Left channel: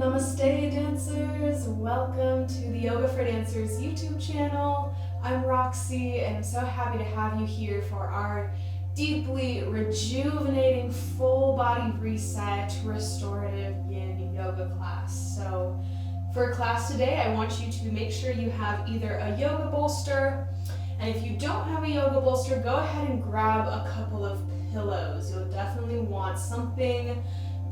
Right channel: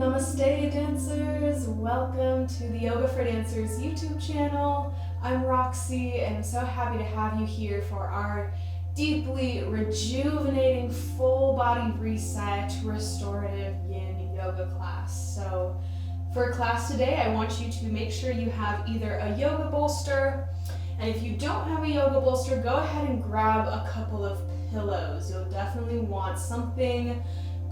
Namaste dancers, welcome to the Yoga for Dancers YouTube channel. I'm Roxie and I'm so happy to have you here for our deeply rejuvenating full body reset restorative yin yoga class. So for class today, I want you to make sure you have either a yoga bolster, and if you don't have a yoga bolster, go ahead and grab a couple of pillows. You'll definitely want something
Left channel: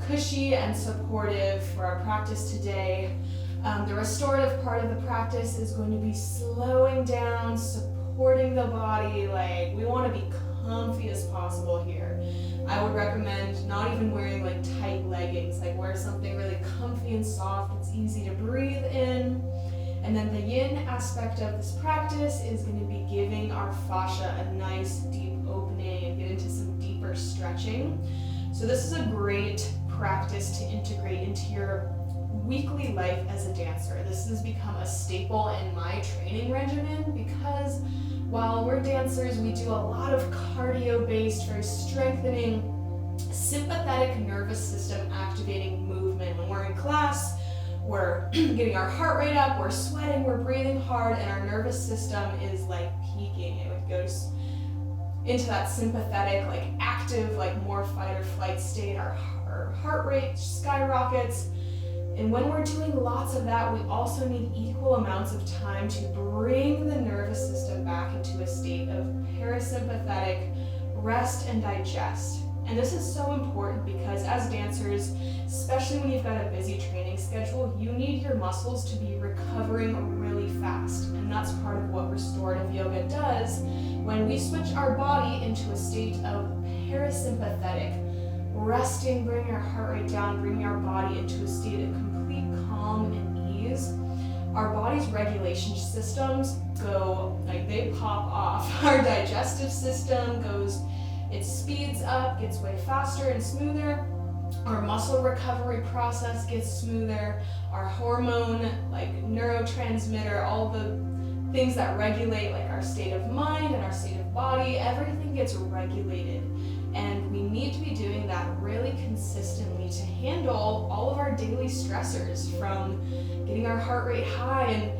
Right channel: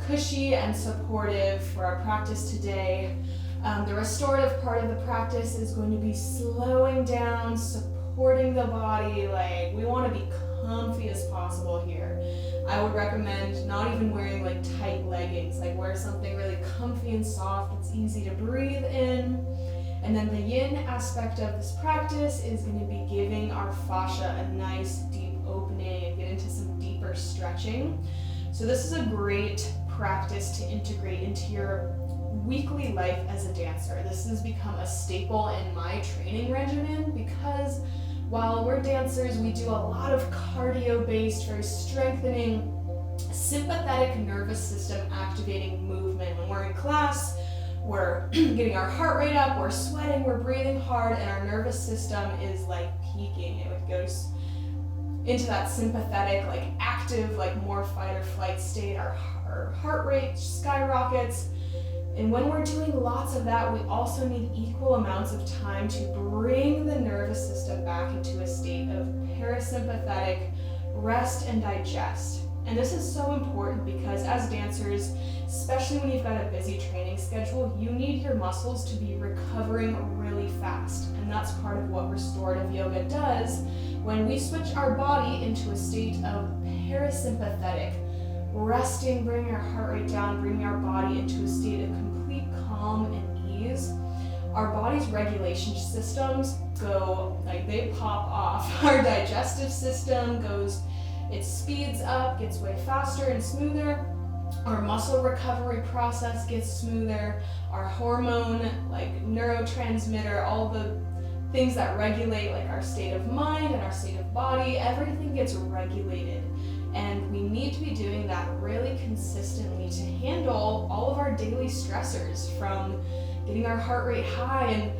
cushy and supportive for our practice today. The restorative part of the practice is going to be slowing down, supporting the body. Like, we want to be comfy as possible here. I would recommend not even wearing like tight leggings, like wear something really comfy and soft. It's easy to breathe in. And then the yin aspect of this practice is going to be giving our fascia a nice deep opening and get into some deeper stretching. So this is a great practice to integrate into your weekly life as a dancer. This has become a staple in my training regimen because while we're dancers, we do a lot of cardio-based, very strengthening, sympathetic nervous system activating movement. When we're in class, we're getting our heart rate up, we're sweating, we're breathing hard, and our nervous system is like peaking. It goes into that sympathetic, like active, like more fight or flight state. Our heart rate skyrockets. And when we're doing lots of that, we also need equal amounts of time to bring the nervous system back into a state of parasympathetic rest and digest. And this is so important because as dancers, especially when you've got a busy training schedule, you need your muscles to be recovering really fast. And that's part of what restorative yoga does. When we switch our body into a state of parasympathetic, resting, bringing our heart rate down, bringing our body into a state of complete calm and ease, our body's regulation systems go, like they pop off. Our digestive system goes, it speeds up, gets way faster and smoother. Our muscle recovery process gets smoother. Our hormone, like neurotransmitter, all the things that regulate like our state of mind and our state of body, everything gets regulated. And we need to be doing that really consistently to handle all of our daily stressors, from getting our heart rate high and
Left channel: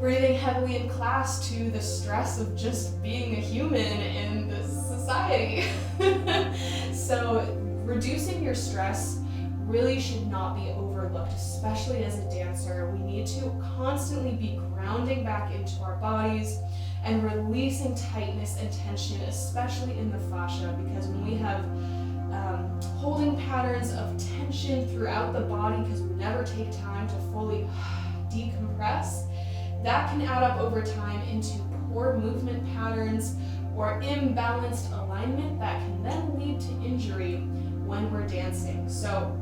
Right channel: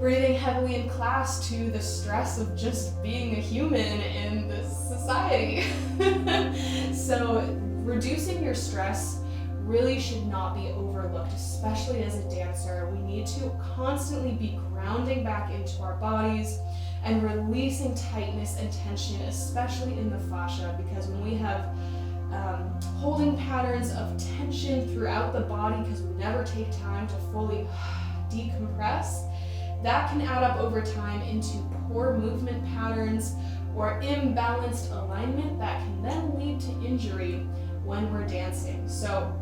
breathing heavily in class to the stress of just being a human in this society. So reducing your stress really should not be overlooked, especially as a dancer. We need to constantly be grounding back into our bodies and releasing tightness and tension, especially in the fascia, because when we have holding patterns of tension throughout the body because we never take time to fully decompress, that can add up over time into poor movement patterns or imbalanced alignment that can then lead to injury when we're dancing. So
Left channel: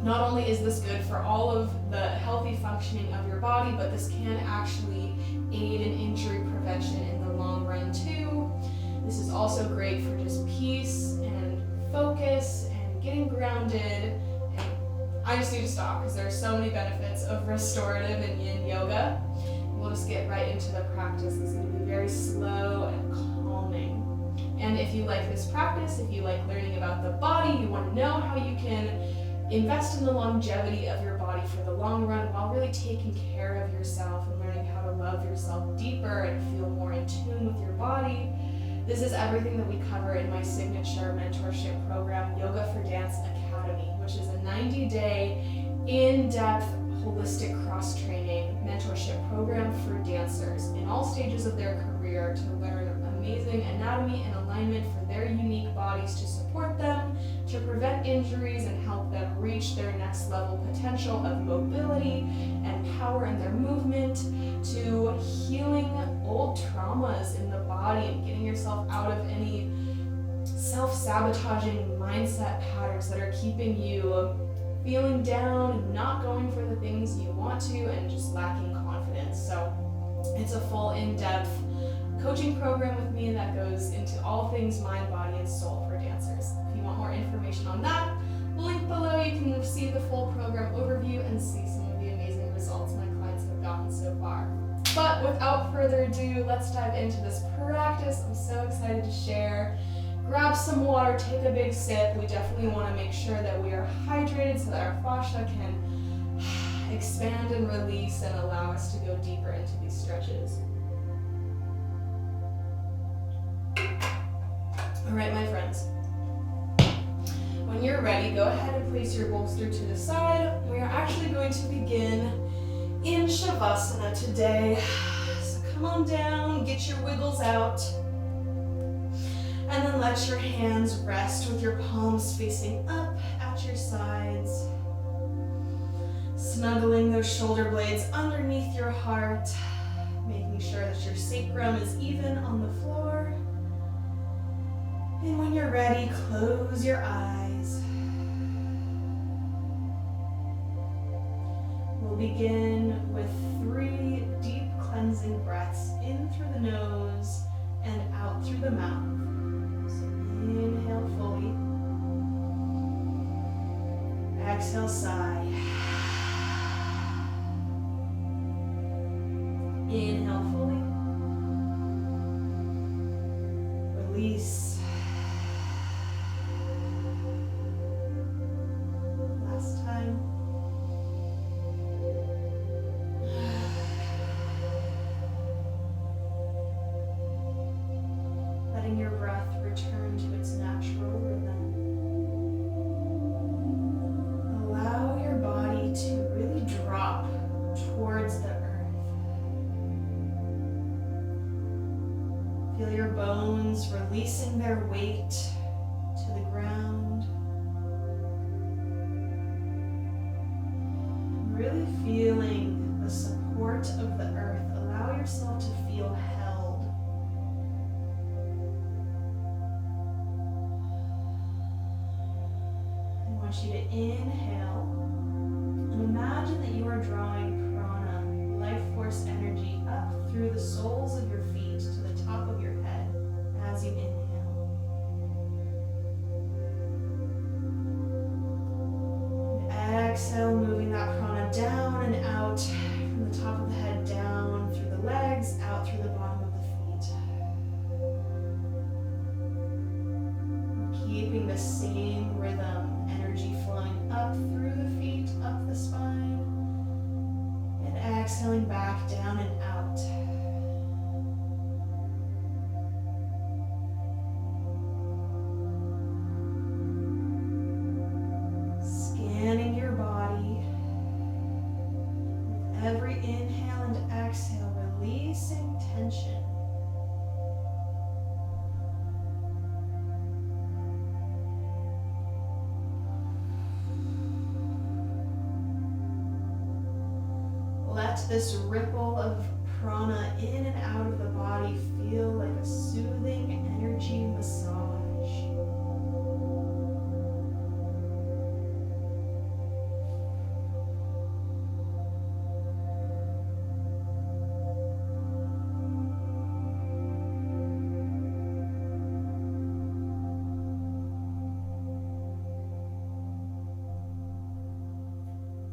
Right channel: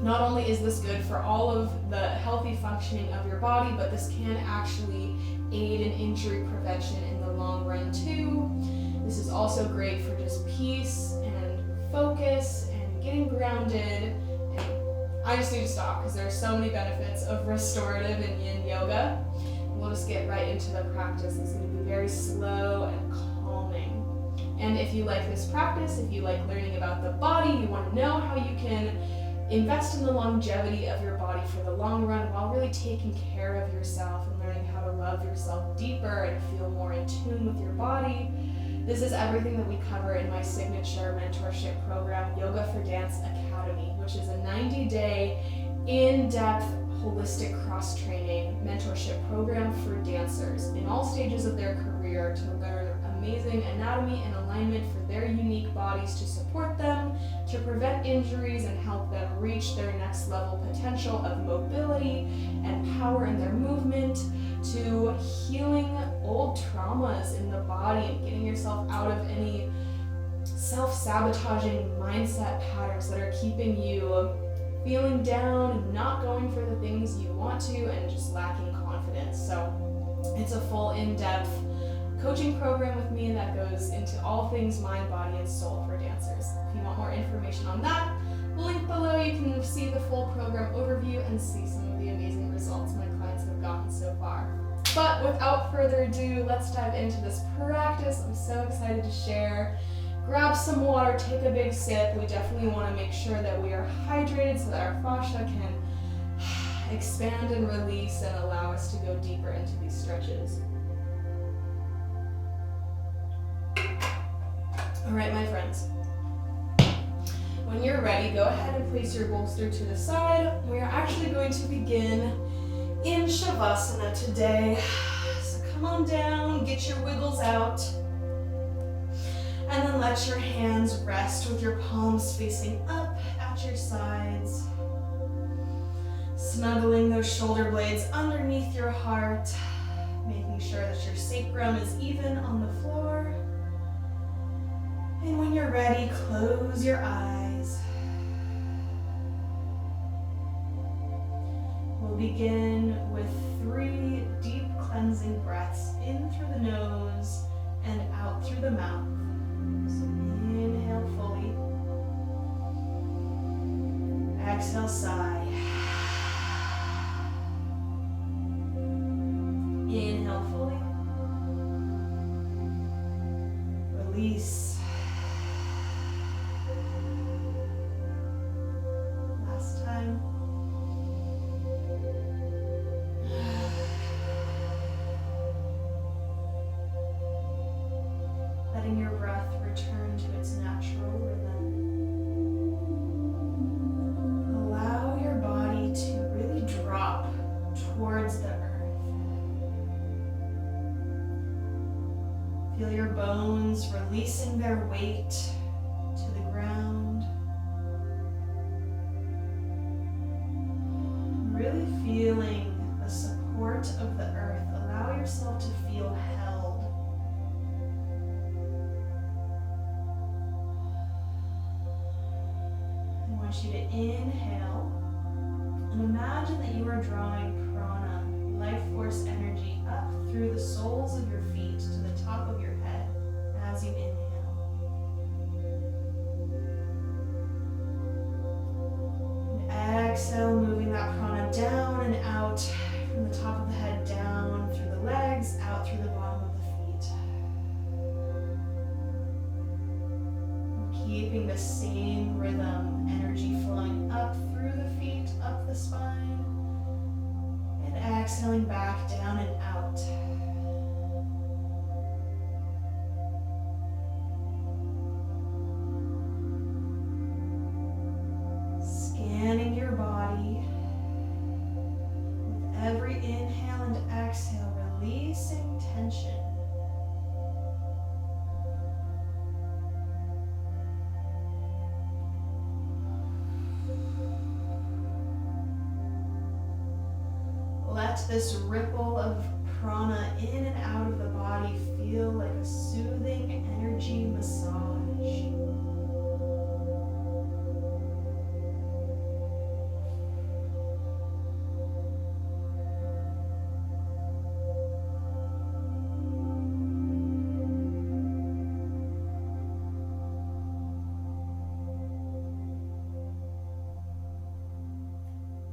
not only is this good for all of the healthy functioning of your body, but this can actually aid in injury prevention in the long run too. This is also great for just peace and focus and getting grounded. And I just need to stop because there are so many benefits of restorative and yin yoga. We'll just get right into the practice. It's going to be very slow and calming. And if you like this practice, if you like learning about the body, you want to know how you can invest in the longevity of your body for the long run while really taking care of yourself and learning how to love yourself deeper and feel more in tune with your body, this is everything that we cover in my signature mentorship program, Yoga for Dance Academy, which is a 90-day in-depth holistic cross-training mentorship program for dancers in all stages of their career to learn amazing anatomy and alignment for their unique bodies, to support them, to prevent injuries and help them reach their next level potential of mobility and power in their movement, to healing old traumas in the body and getting yourself out of any self-sabotaging mindset patterns that are keeping you feeling down, not going for the things you want to, and just lacking confidence. So it's a full in-depth coaching program with me that goes into all things mind, body, and soul for dancers. If you want more information on that, link below. You can see the full program overview and see some of the amazing results my clients have gotten so far. But without further ado, let's dive into this practice. I'm so excited to share. Grab some water, take a big sip. We definitely want to make sure that we are hydrated so that our fascia can expand and release and allow us to go deeper into these stretches. All right, my friends. When you're ready, go ahead and place your bolster to the side. We are actually going to begin in Shavasana today. So come on down, get your wiggles out, and then let your hands rest with your palms facing up at your sides. Snuggling those shoulder blades underneath your heart, making sure that your sacrum is even on the floor. And when you're ready, close your eyes. We'll begin with 3 deep cleansing breaths in through the nose and out through the mouth. So inhale fully. Exhale, sigh. Inhale fully. Release. Last time. Letting your breath return to its natural rhythm. Allow your body to really drop towards the earth. Feel your bones releasing their weight to the ground. Really feeling the support of the earth. Allow yourself to feel held. I want you to inhale and imagine that you are drawing prana, life force energy, up through the soles of your feet to the top of your head as you inhale. And exhale, moving that prana down and out from the top of the head, down through the legs, out through the bottom of the feet. And keeping the same rhythm, energy flowing up through the feet, up the spine. And exhaling back down and out. Scanning your body. With every inhale and exhale, releasing tension. Let this ripple of prana in and out of the body feel like a soothing energy massage.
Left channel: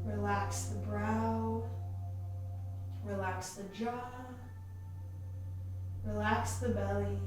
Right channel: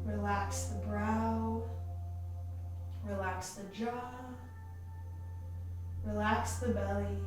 Relax the brow. Relax the jaw, relax the belly.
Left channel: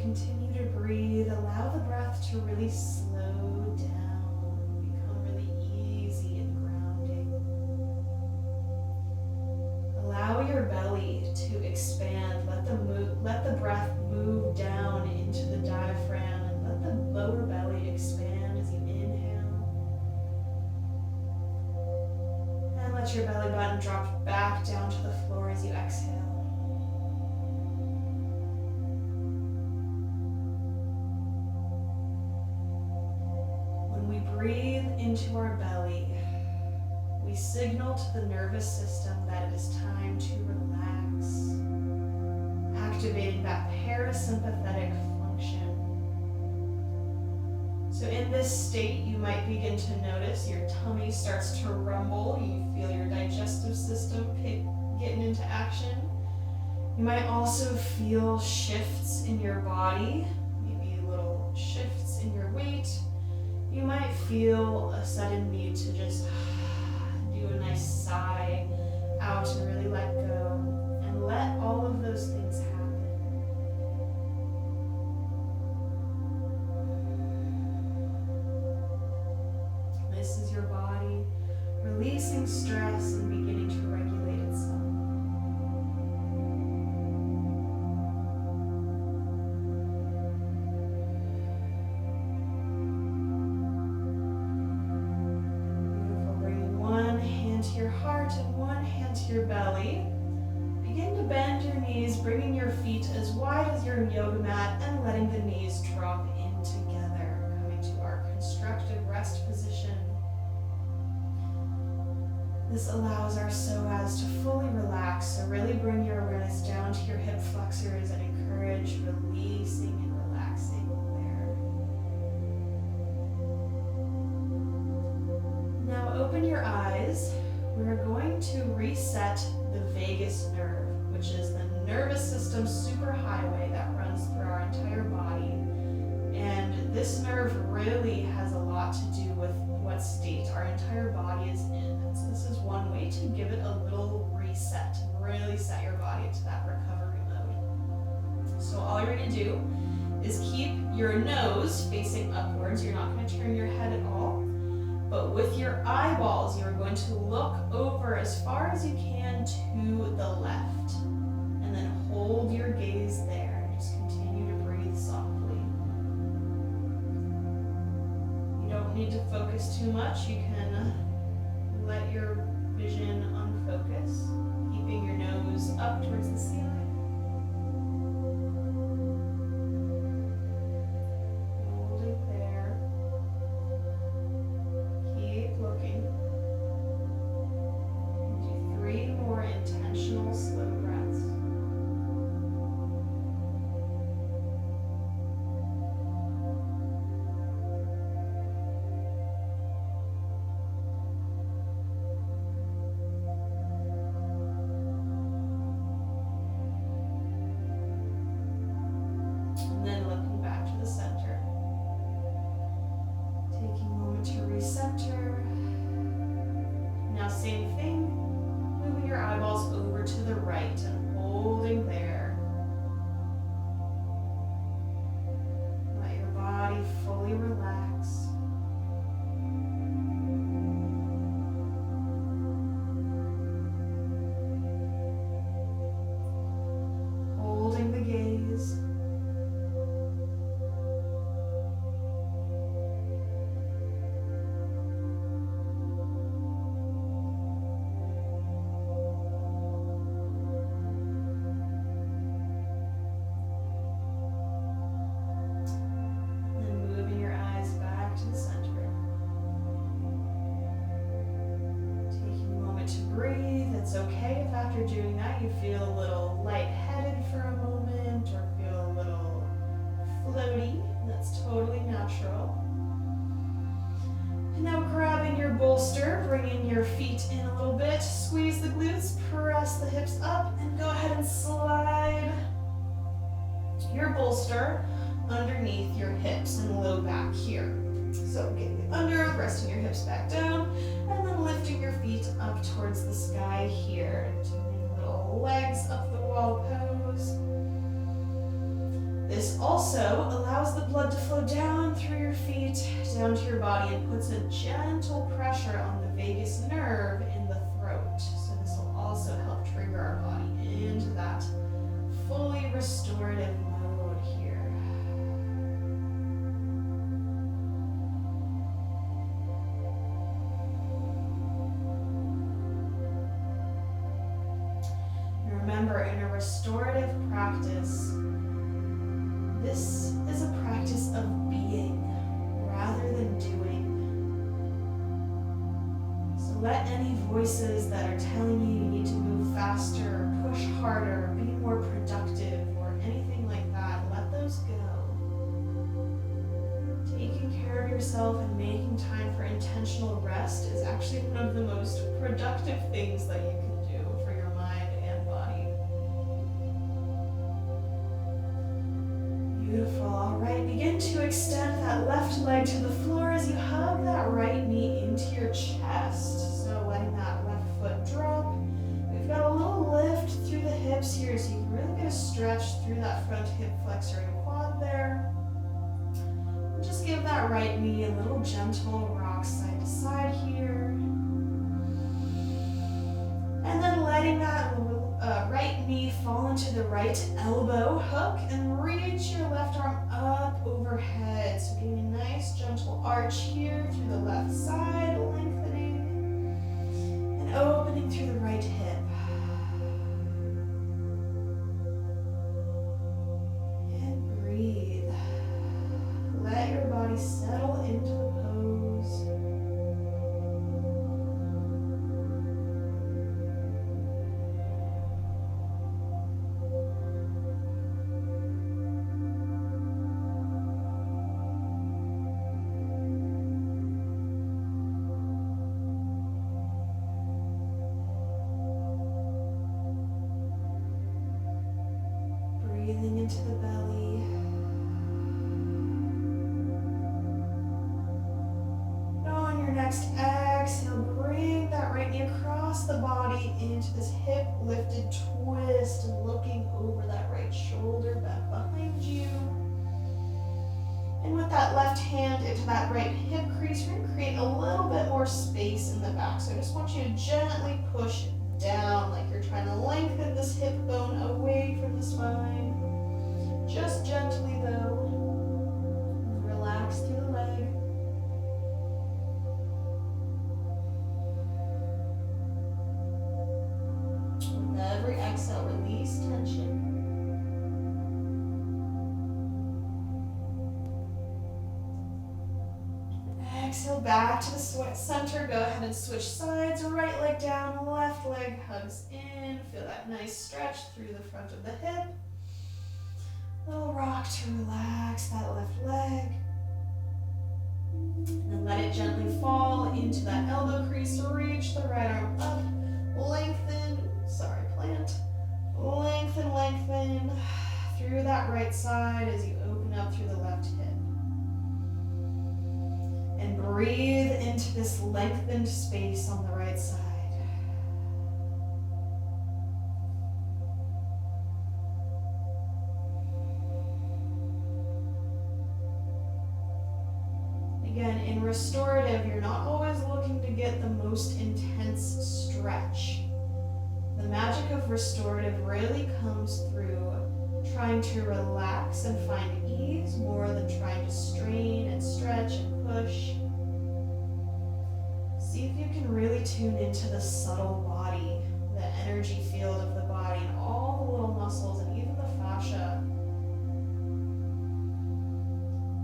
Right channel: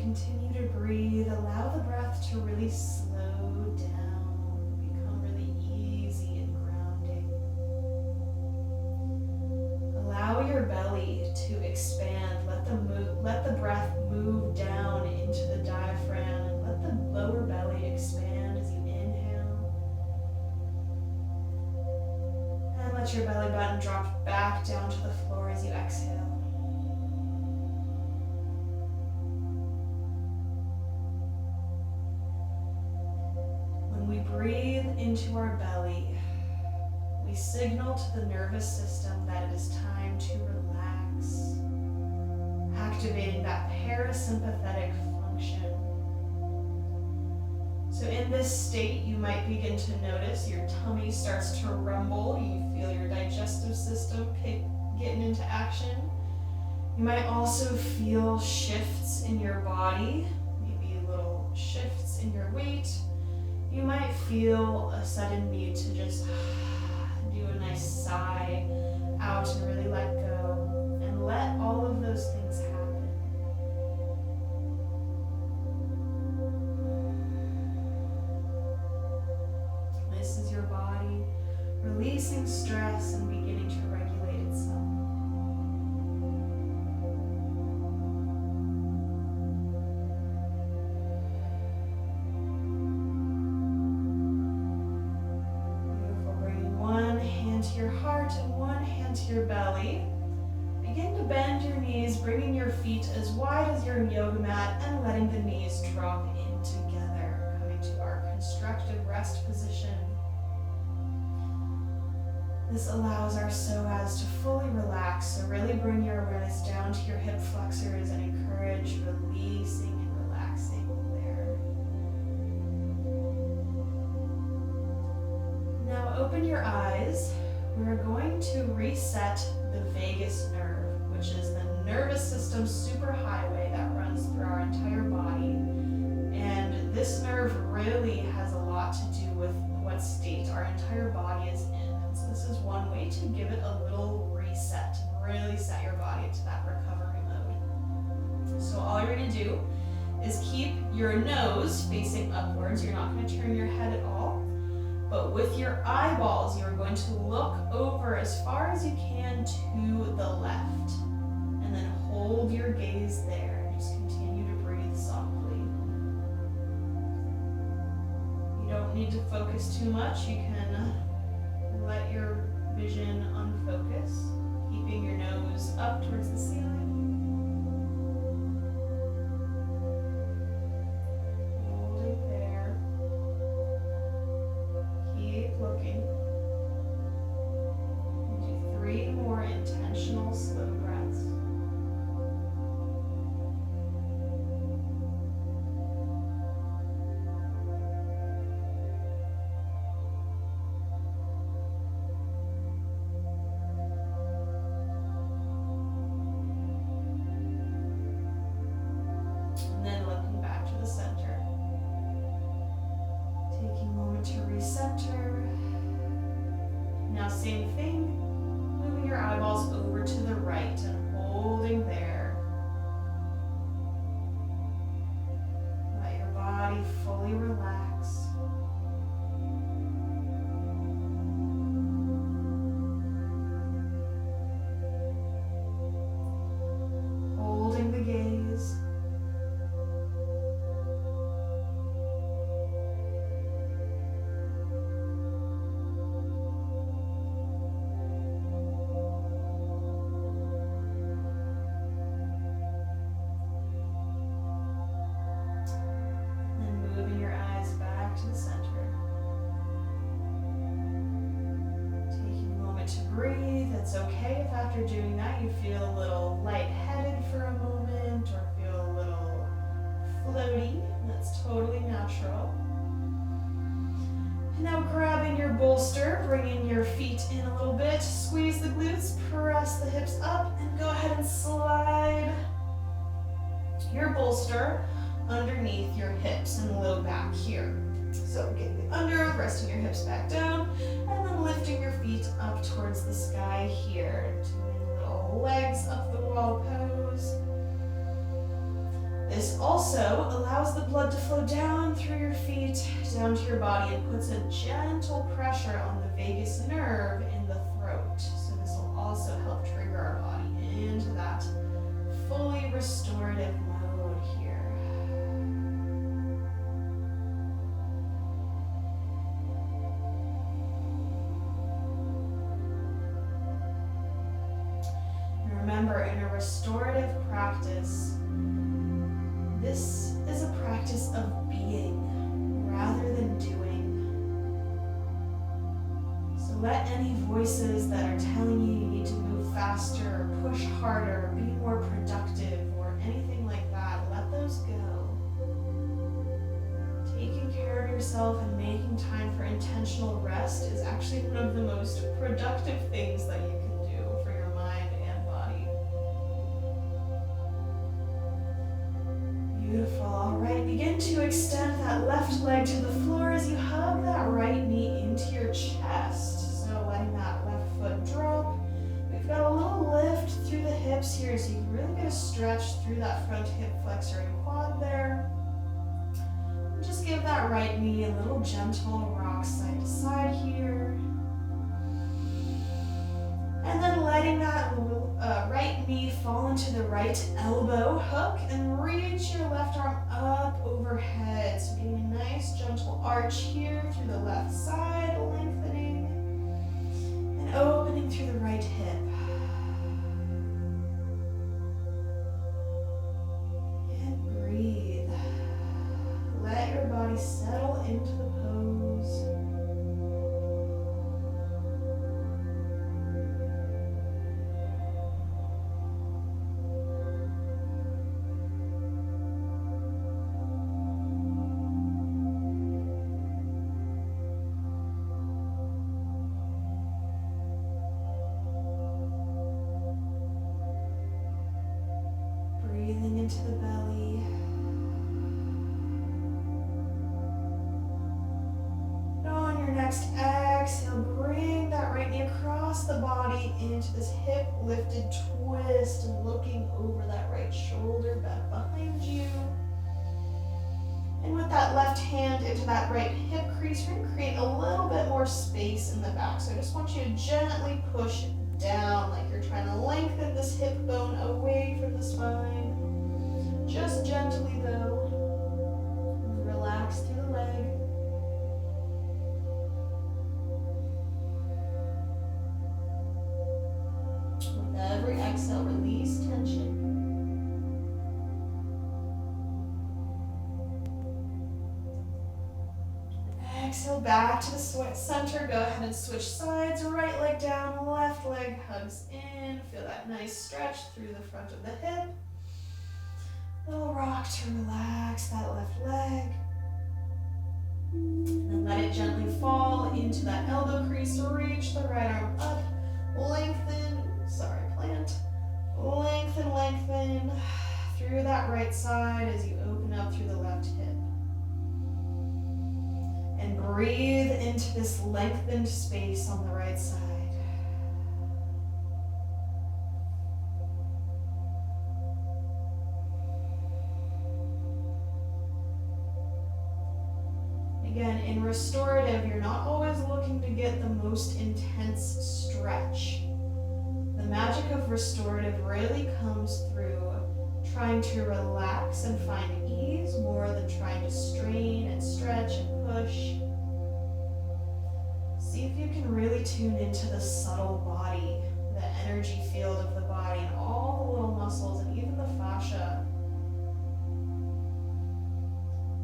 Continue to breathe. Allow the breath to really slow down, become really easy and grounding. Allow your belly to expand. Let the breath move down into the diaphragm and let the lower belly expand as you inhale. And let your belly button drop back down to the floor as you exhale. Breathe into our belly. We signal to the nervous system that it is time to relax, activating that parasympathetic function. So So in this state, you might begin to notice your tummy starts to rumble. You feel your digestive system getting into action. You might also feel shifts in your body, maybe little shifts in your weight. You might feel a sudden need to just do a nice sigh out and really let go and let all of those things happen. This is your body releasing stress and beginning to regulate itself. Beautiful. Bringing one hand to your heart and one hand to your belly. Begin to bend your knees, bringing your feet as wide as your yoga mat and letting the knees drop in together, coming to our constructive rest position. This allows our psoas to fully relax, so really bring your awareness down to your hip flexors and encourage releasing and relaxing there. Now open your eyes. We're going to reset the vagus nerve, which is the nervous system superhighway that runs through our entire body. And this nerve really has a lot to do with what state our entire body is in. So this is one way to give it a little reset and really set your body into that recovery mode. So all you're going to do is keep your nose facing upwards. You're not going to turn your head at all. But with your eyeballs, you're going to look over as far as you can to the left. And then hold your gaze there. Just continue to breathe softly. You don't need to focus too much. You can let your vision unfocus, keeping your nose up towards the ceiling. Holding there. Keep looking. Do 3 more intentional slow breaths. And then looking back to the center. Taking a moment to recenter. Now same thing, moving your eyeballs over to the right and holding there. Let your body fully relax. Holding the gaze. To the center. Taking a moment to breathe. It's okay if after doing that you feel a little lightheaded for a moment or feel a little floaty. That's totally natural. And now grabbing your bolster, bringing your feet in a little bit, squeeze the glutes, press the hips up, and go ahead and slide your bolster underneath your hips and low back here. So getting under, resting your hips back down, and then lifting your feet up towards the sky here. Doing little legs up the wall pose. This also allows the blood to flow down through your feet, down to your body, and puts a gentle pressure on the vagus nerve in the throat. So this will also help trigger our body into that fully restorative mode here. Remember, in a restorative practice, this is a practice of being rather than doing. So let any voices that are telling you need to move faster, push harder, be more productive, or anything like that, let those go. Taking care of yourself and making time for intentional rest is actually one of the most productive things that you can do for your mind and body. Beautiful. All right, begin to extend that left leg to the floor as you hug that right knee into your chest. So letting that left foot drop. We've got a little lift through the hips here, so you can really get a stretch through that front hip flexor and quad there. And just give that right knee a little gentle rock side to side here. And then letting that right knee fall into the right elbow hook and reach your left arm up overhead. So getting a nice gentle arch here through the left side, lengthening and opening through the right hip. And breathe. Let your body settle into the pose. Breathing into the belly. And on your next exhale, bring that right knee across the body into this hip lifted twist and looking over that right shoulder back behind you. And with that left hand into that right hip crease, we're going to create a little bit more space in the back. So I just want you to gently push down like you're trying to lengthen this hip bone away from the spine. Just gently though. Relax through the leg. With every exhale, release tension. Exhale back to the center. Go ahead and switch sides. Right leg down, left leg hugs in. Feel that nice stretch through the front of the hip. Little rock to relax that left leg. And then let it gently fall into that elbow crease. Reach the right arm up. Lengthen, plant. Lengthen through that right side as you open up through the left hip. And breathe into this lengthened space on the right side. Again, in restorative, you're not always looking to get the most intense stretch. The magic of restorative really comes through trying to relax and find ease more than trying to strain and stretch and push. See if you can really tune into the subtle body, the energy field of the body, and all the little muscles and even the fascia.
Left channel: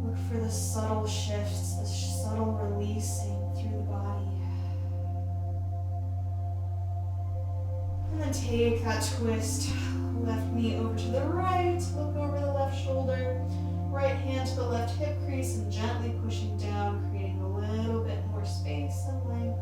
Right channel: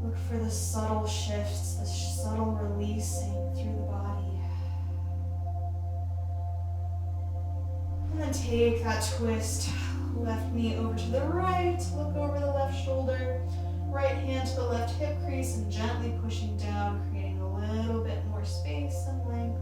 Look for the subtle shifts, the subtle releasing through the body. And then take that twist, left knee over to the right, look over the left shoulder, right hand to the left hip crease, and gently pushing down, creating a little bit more space and length.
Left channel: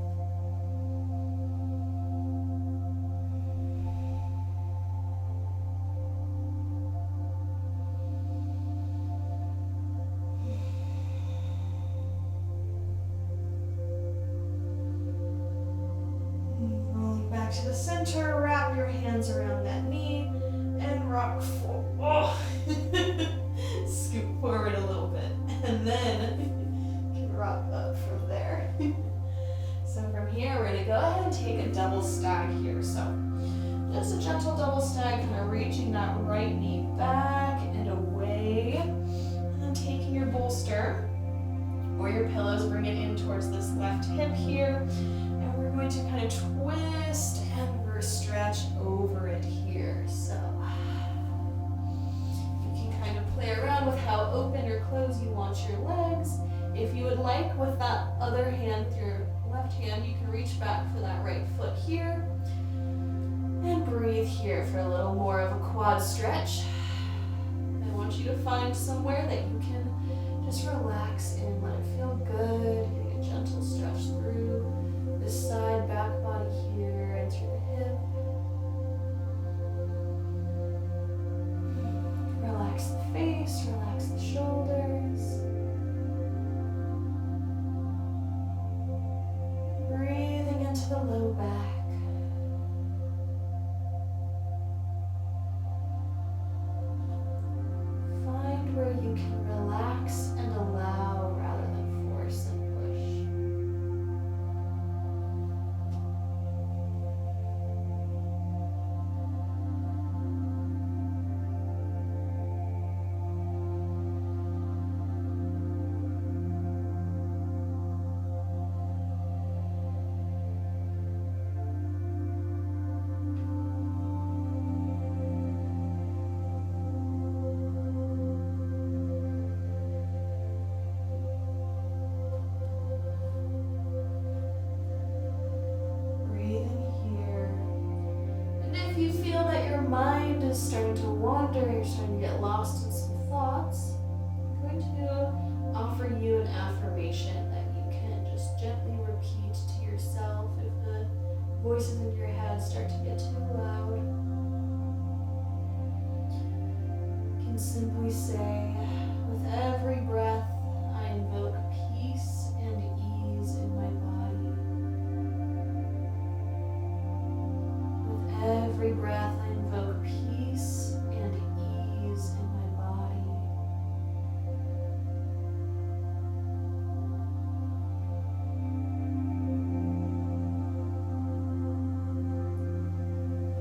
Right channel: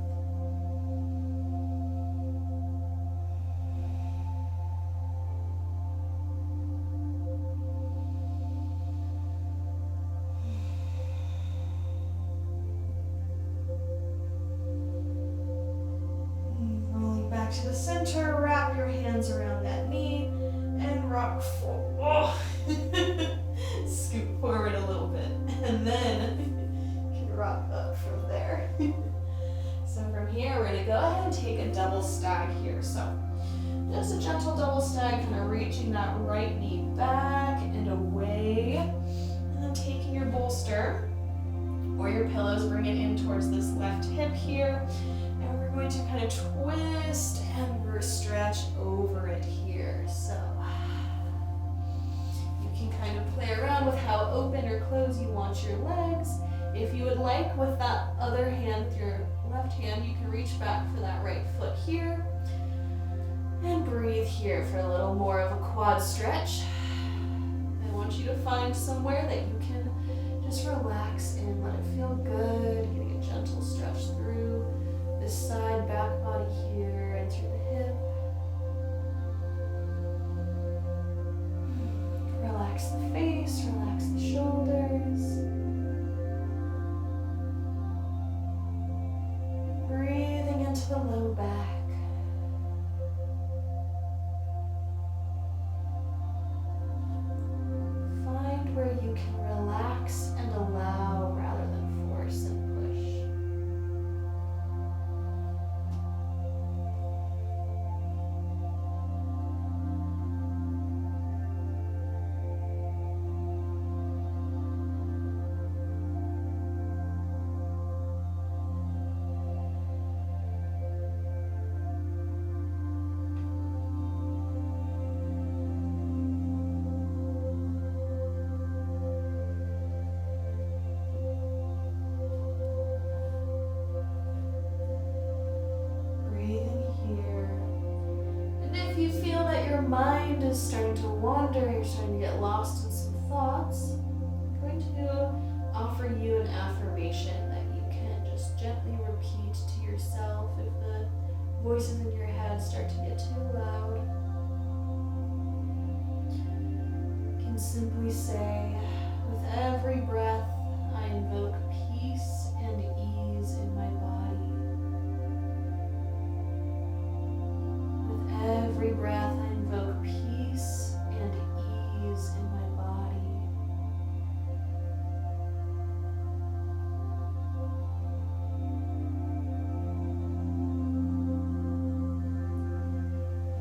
To the center, wrap your hands around that knee and rock forward. Oh. Scoot forward a little bit and then you can rock up from there. So from here, we're going to go ahead and take a double stag here. So just a gentle double stag, kind of reaching that right knee back and away. And then taking your bolster or your pillows, bring it in towards this left hip here. We're going to kind of twist and stretch over it here. So you can kind of play around with how open or closed you want your legs. If you would like, with that other hand, with your left hand, you can reach back for that right foot here. And breathe here for a little more of a quad stretch. I want you to find somewhere that you can Just relax in, let it feel good, getting a gentle stretch through this side back body here and through the hip. Relax the face, relax the shoulders. Breathing into the low back. Find where you can relax and allow rather than force and push. If you feel that your mind is starting to wander, you're starting to get lost in some thoughts, I'm going to offer you an affirmation that you can just gently repeat to yourself if the voices in your head start to get too loud. You can simply say, with every breath, I invoke peace and ease in my body. Every breath, I invoke peace and ease in my body.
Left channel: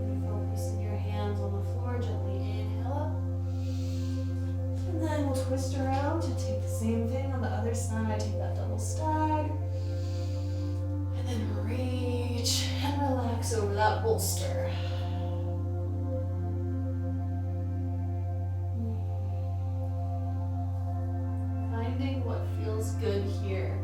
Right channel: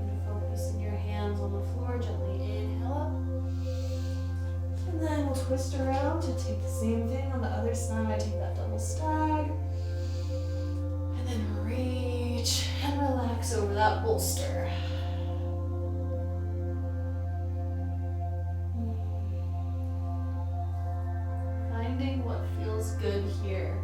Beautiful. Placing your hands on the floor, gently inhale up. And then we'll twist around to take the same thing on the other side. Take that double stag. And then reach and relax over that bolster. Finding what feels good here.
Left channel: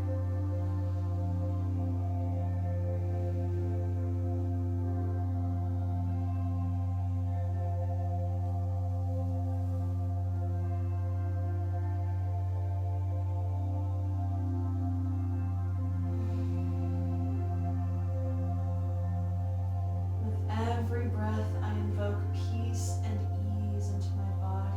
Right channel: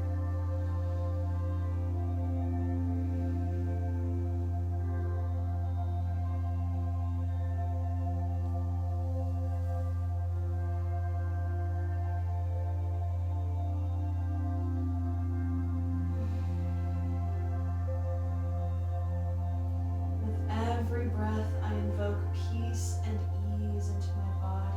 Every breath, I invoke peace and ease into my body.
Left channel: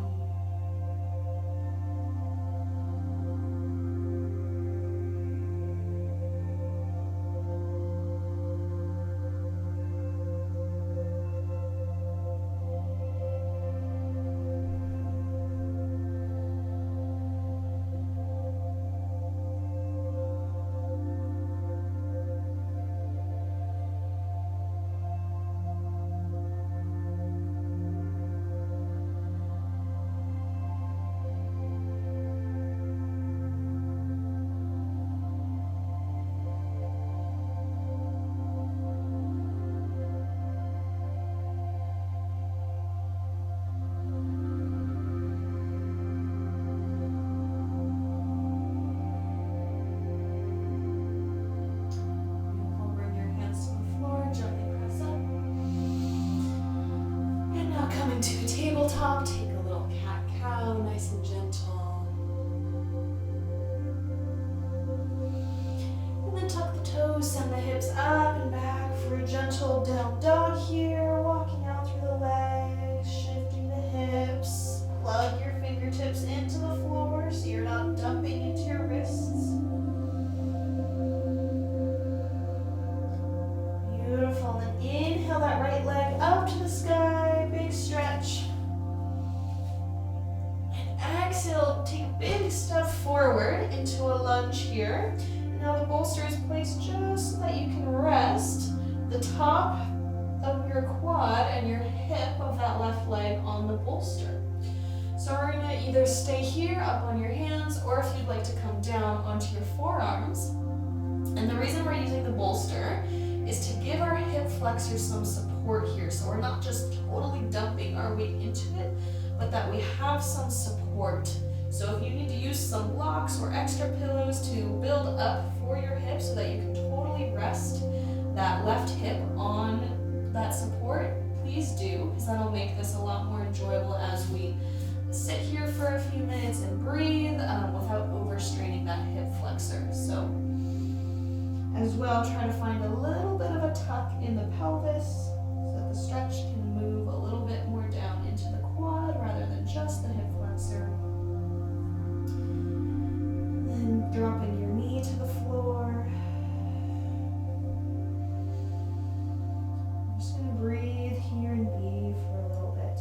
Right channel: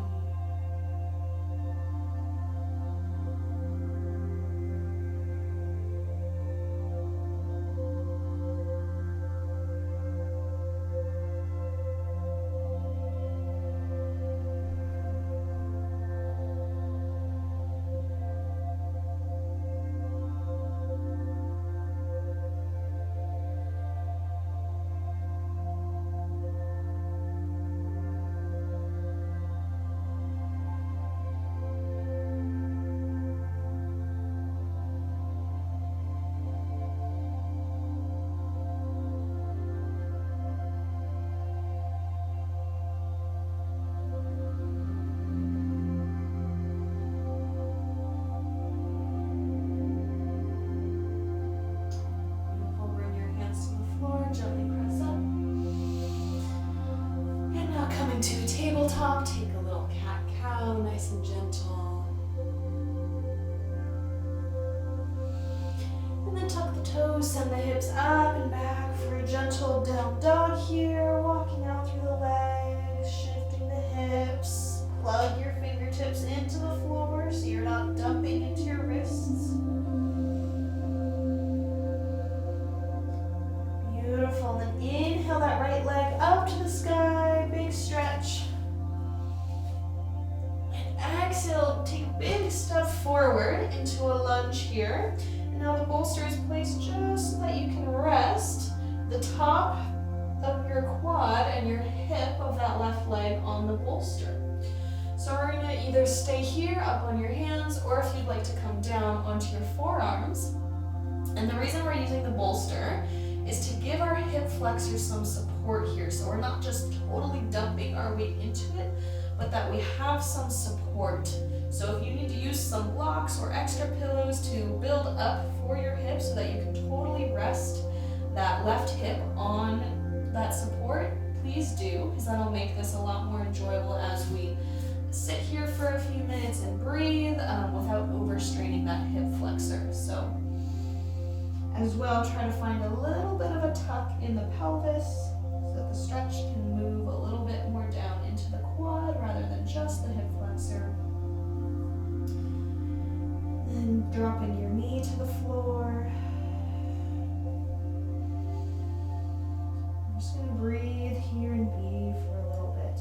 Come into tabletop, take a little cat-cow, nice and gentle. And then tuck the toes, send the hips up and back for a gentle down dog here, walking out through the legs, shifting the hips. Plug your fingertips into the floor so you're not dumping into your wrists. Beautiful, and then inhale that right leg up to the sky, big stretch. And exhale, take a big step forward into a lunge here. And now the bolster is placed just so that you can rest the top of your quad and your hip of that left leg on the bolster. So we're gonna either stay here up on your hands, or if you'd like to come down onto your forearms. And the reason we're using the bolster is to give our hip flexors some support here. So we're not just totally dumping our weight into it, but that we have some support. So if you need to use some blocks or extra pillows to build up for your hip so that you can totally rest that left hip on that support, please do, because that'll make this a lot more enjoyable as we sit here for a few minutes and breathe without overstraining that hip flexor. So as well, try to find a little bit of a tuck in the pelvis so that the stretch can move a little bit more down into the quad rather than just the hip flexor. Then dropping your knee to the floor. I'm just going to breathe here and be for a little bit.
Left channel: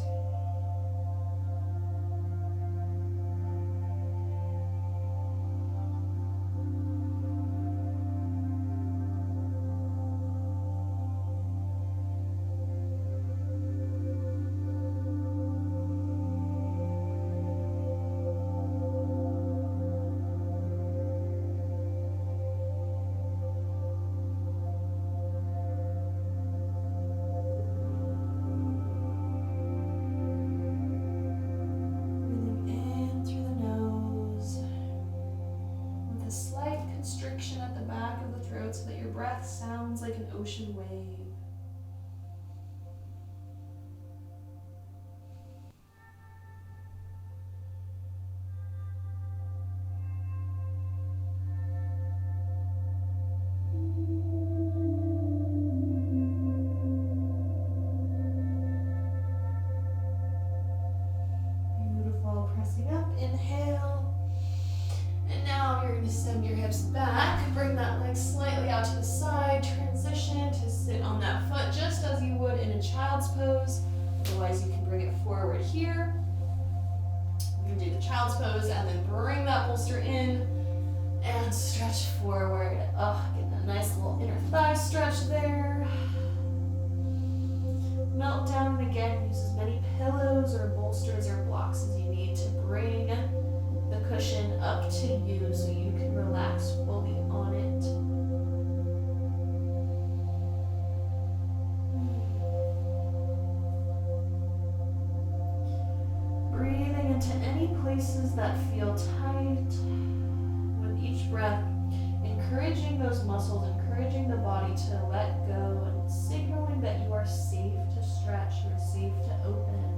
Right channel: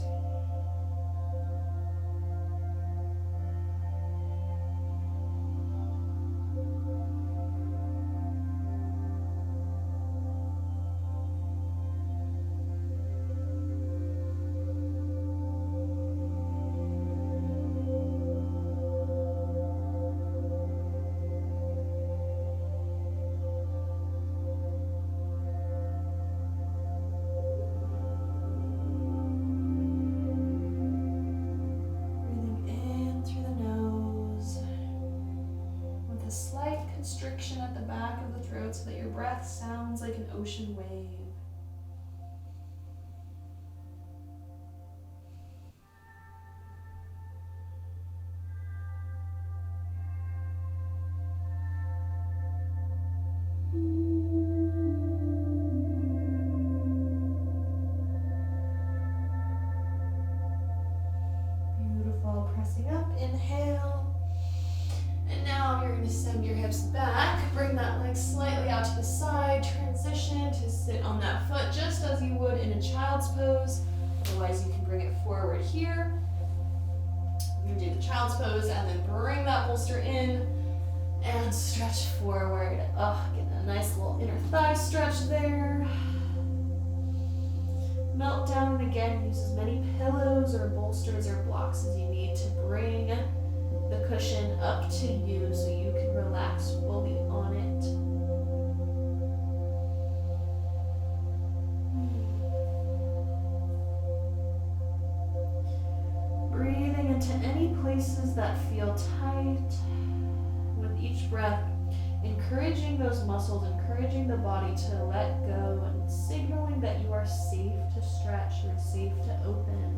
Constriction at the back of the throat so that your breath sounds like an ocean wave. Beautiful. Pressing up, inhale. And now you're going to send your hips back, bring that leg slightly out to the side, transition to sit on that foot just as you would in a child's pose. Otherwise, you can bring it forward here. You're going to do the child's pose and then bring that bolster in and stretch forward. Getting a nice little inner thigh stretch there. Melt down, and again, use as many pillows or bolsters or blocks as you need to bring the cushion up to you so you can relax fully on it. Breathing into any places that feel tight with each breath, encouraging those muscles, encouraging the body to let go and signaling that you are safe to stretch, you're safe to open.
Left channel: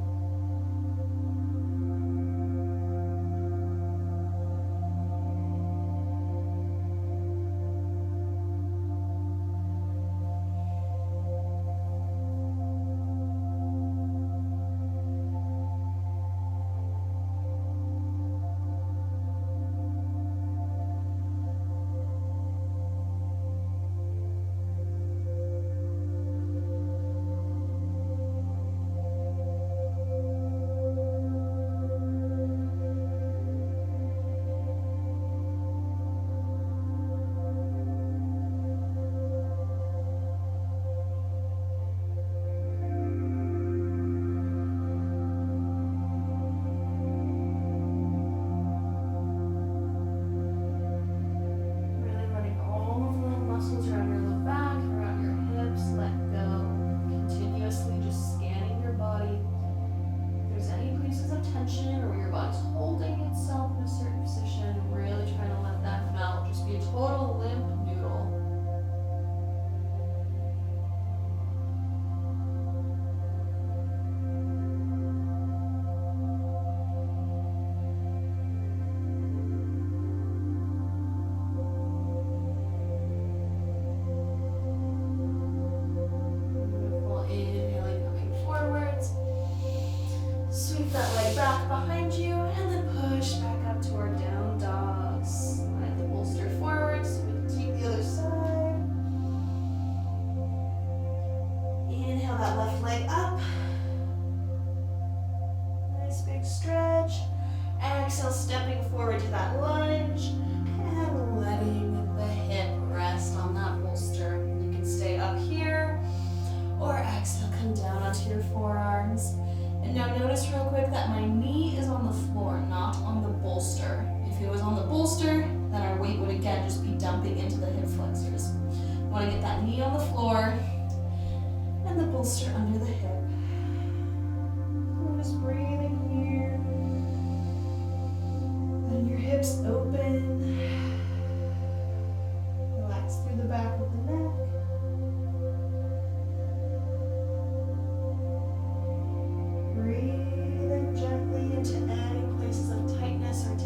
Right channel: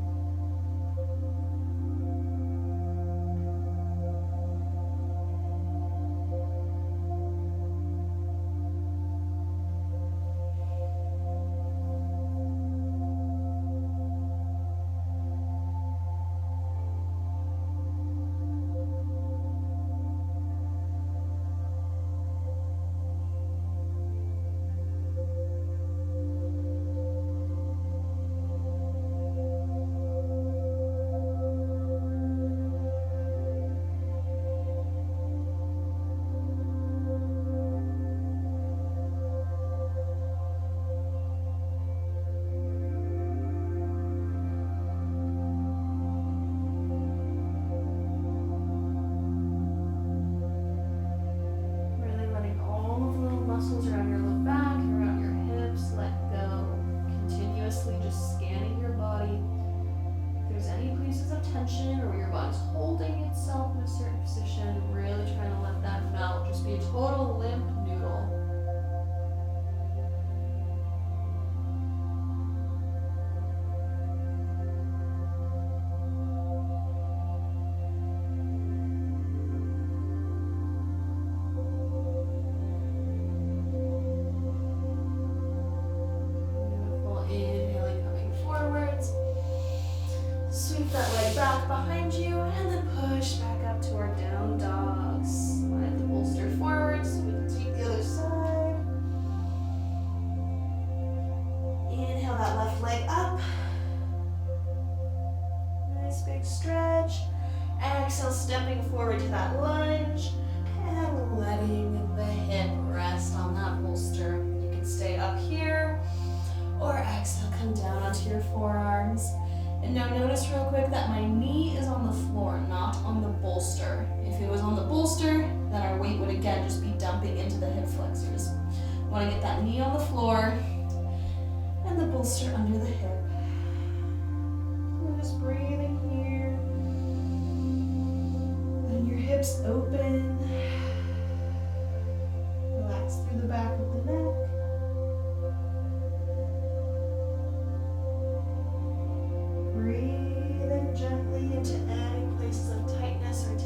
Muscles around your low back and around your hips, let go. Continuously just scanning your body. If there's any places of tension or where your body's holding itself in a certain position, really trying to let that melt. Just be a total limp noodle. Sweep that leg back behind you and then push back up to our down dog. Slide the bolster forward so we can take the other side. Inhale that left leg up. Nice big stretch. Exhale, stepping forward to that lunge and letting the hip rest on that bolster. You can stay up here or exhale, come down onto your forearms. And now notice real quick that my knee is on the floor, not on the bolster. If it was on the bolster, then our weight would again just be dumping into the hip flexors. I want to get that knee on the floor and the bolster under the hip. We're just breathing here. Letting your hips open. Relax through the back of the neck. Breathing gently into any places of tightness or